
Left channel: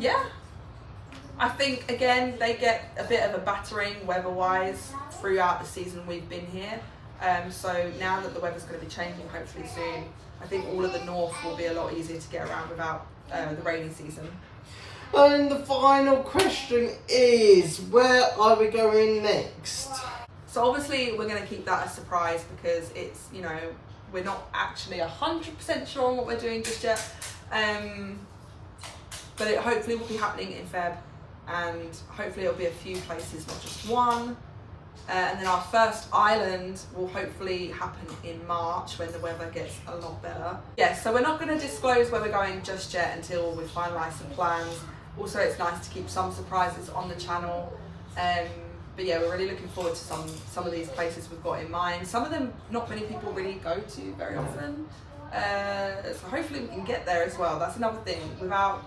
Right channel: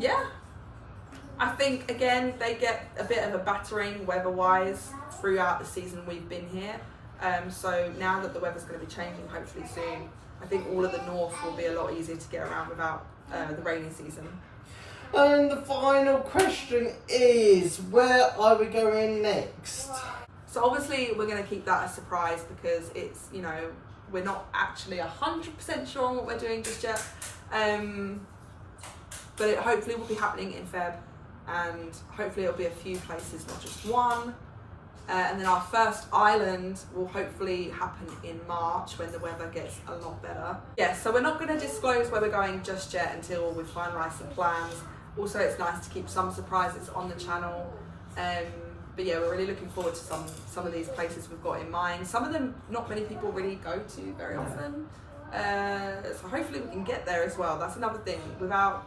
Yeah. I think, again, they get a bit of a battering weather-wise throughout the season we've been here. So now that the weather's going to be changing hopefully soon, I think all of the north will be a lot easier to get around without the rainy season. And the final question is, where are we going next? So obviously we're going to keep that a surprise because it's, we're not actually 100% sure on what we're doing just yet. But it hopefully will be happening in Feb, and hopefully it'll be a few places, not just one. And then our first island will hopefully happen in March when the weather gets a lot better. Yeah, so we're not going to disclose where we're going just yet until we've finalised some plans. Also, it's nice to keep some surprises on the channel. But yeah, we're really looking forward to some of these places we've got in mind. Some of them not many people really go to very often. So hopefully we can get there as well. That's another thing. Without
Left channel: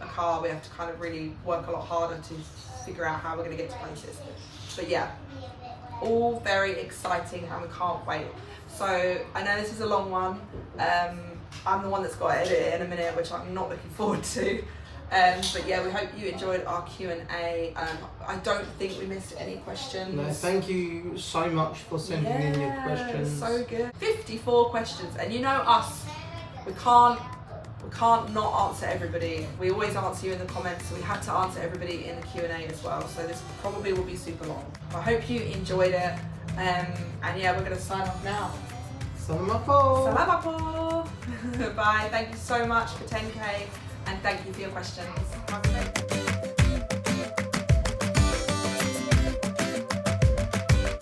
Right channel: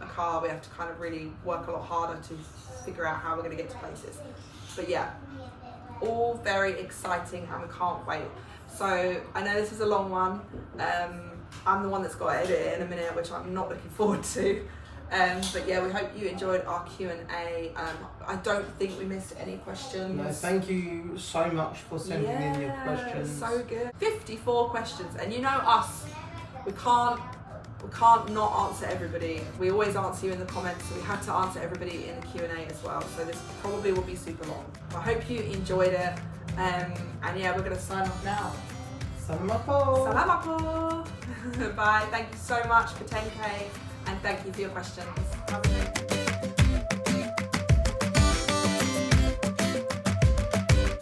a car, we have to kind of really work a lot harder to figure out how we're going to get to places. But yeah, all very exciting and we can't wait. So I know this is a long one. I'm the one that's got to edit it in a minute, which I'm not looking forward to. But yeah, we hope you enjoyed our Q&A. I don't think we missed any questions. No, thank you so much for sending in your questions. So good. 54 questions, and you know us, we can't not answer everybody. We always answer you in the comments, so we had to answer everybody in the Q&A as well. So this probably will be super long. I hope you enjoyed it. And yeah, we're gonna sign off now. Salamat po. Salamat po. Bye. Thank you so much for 10K. And thank you for your questions.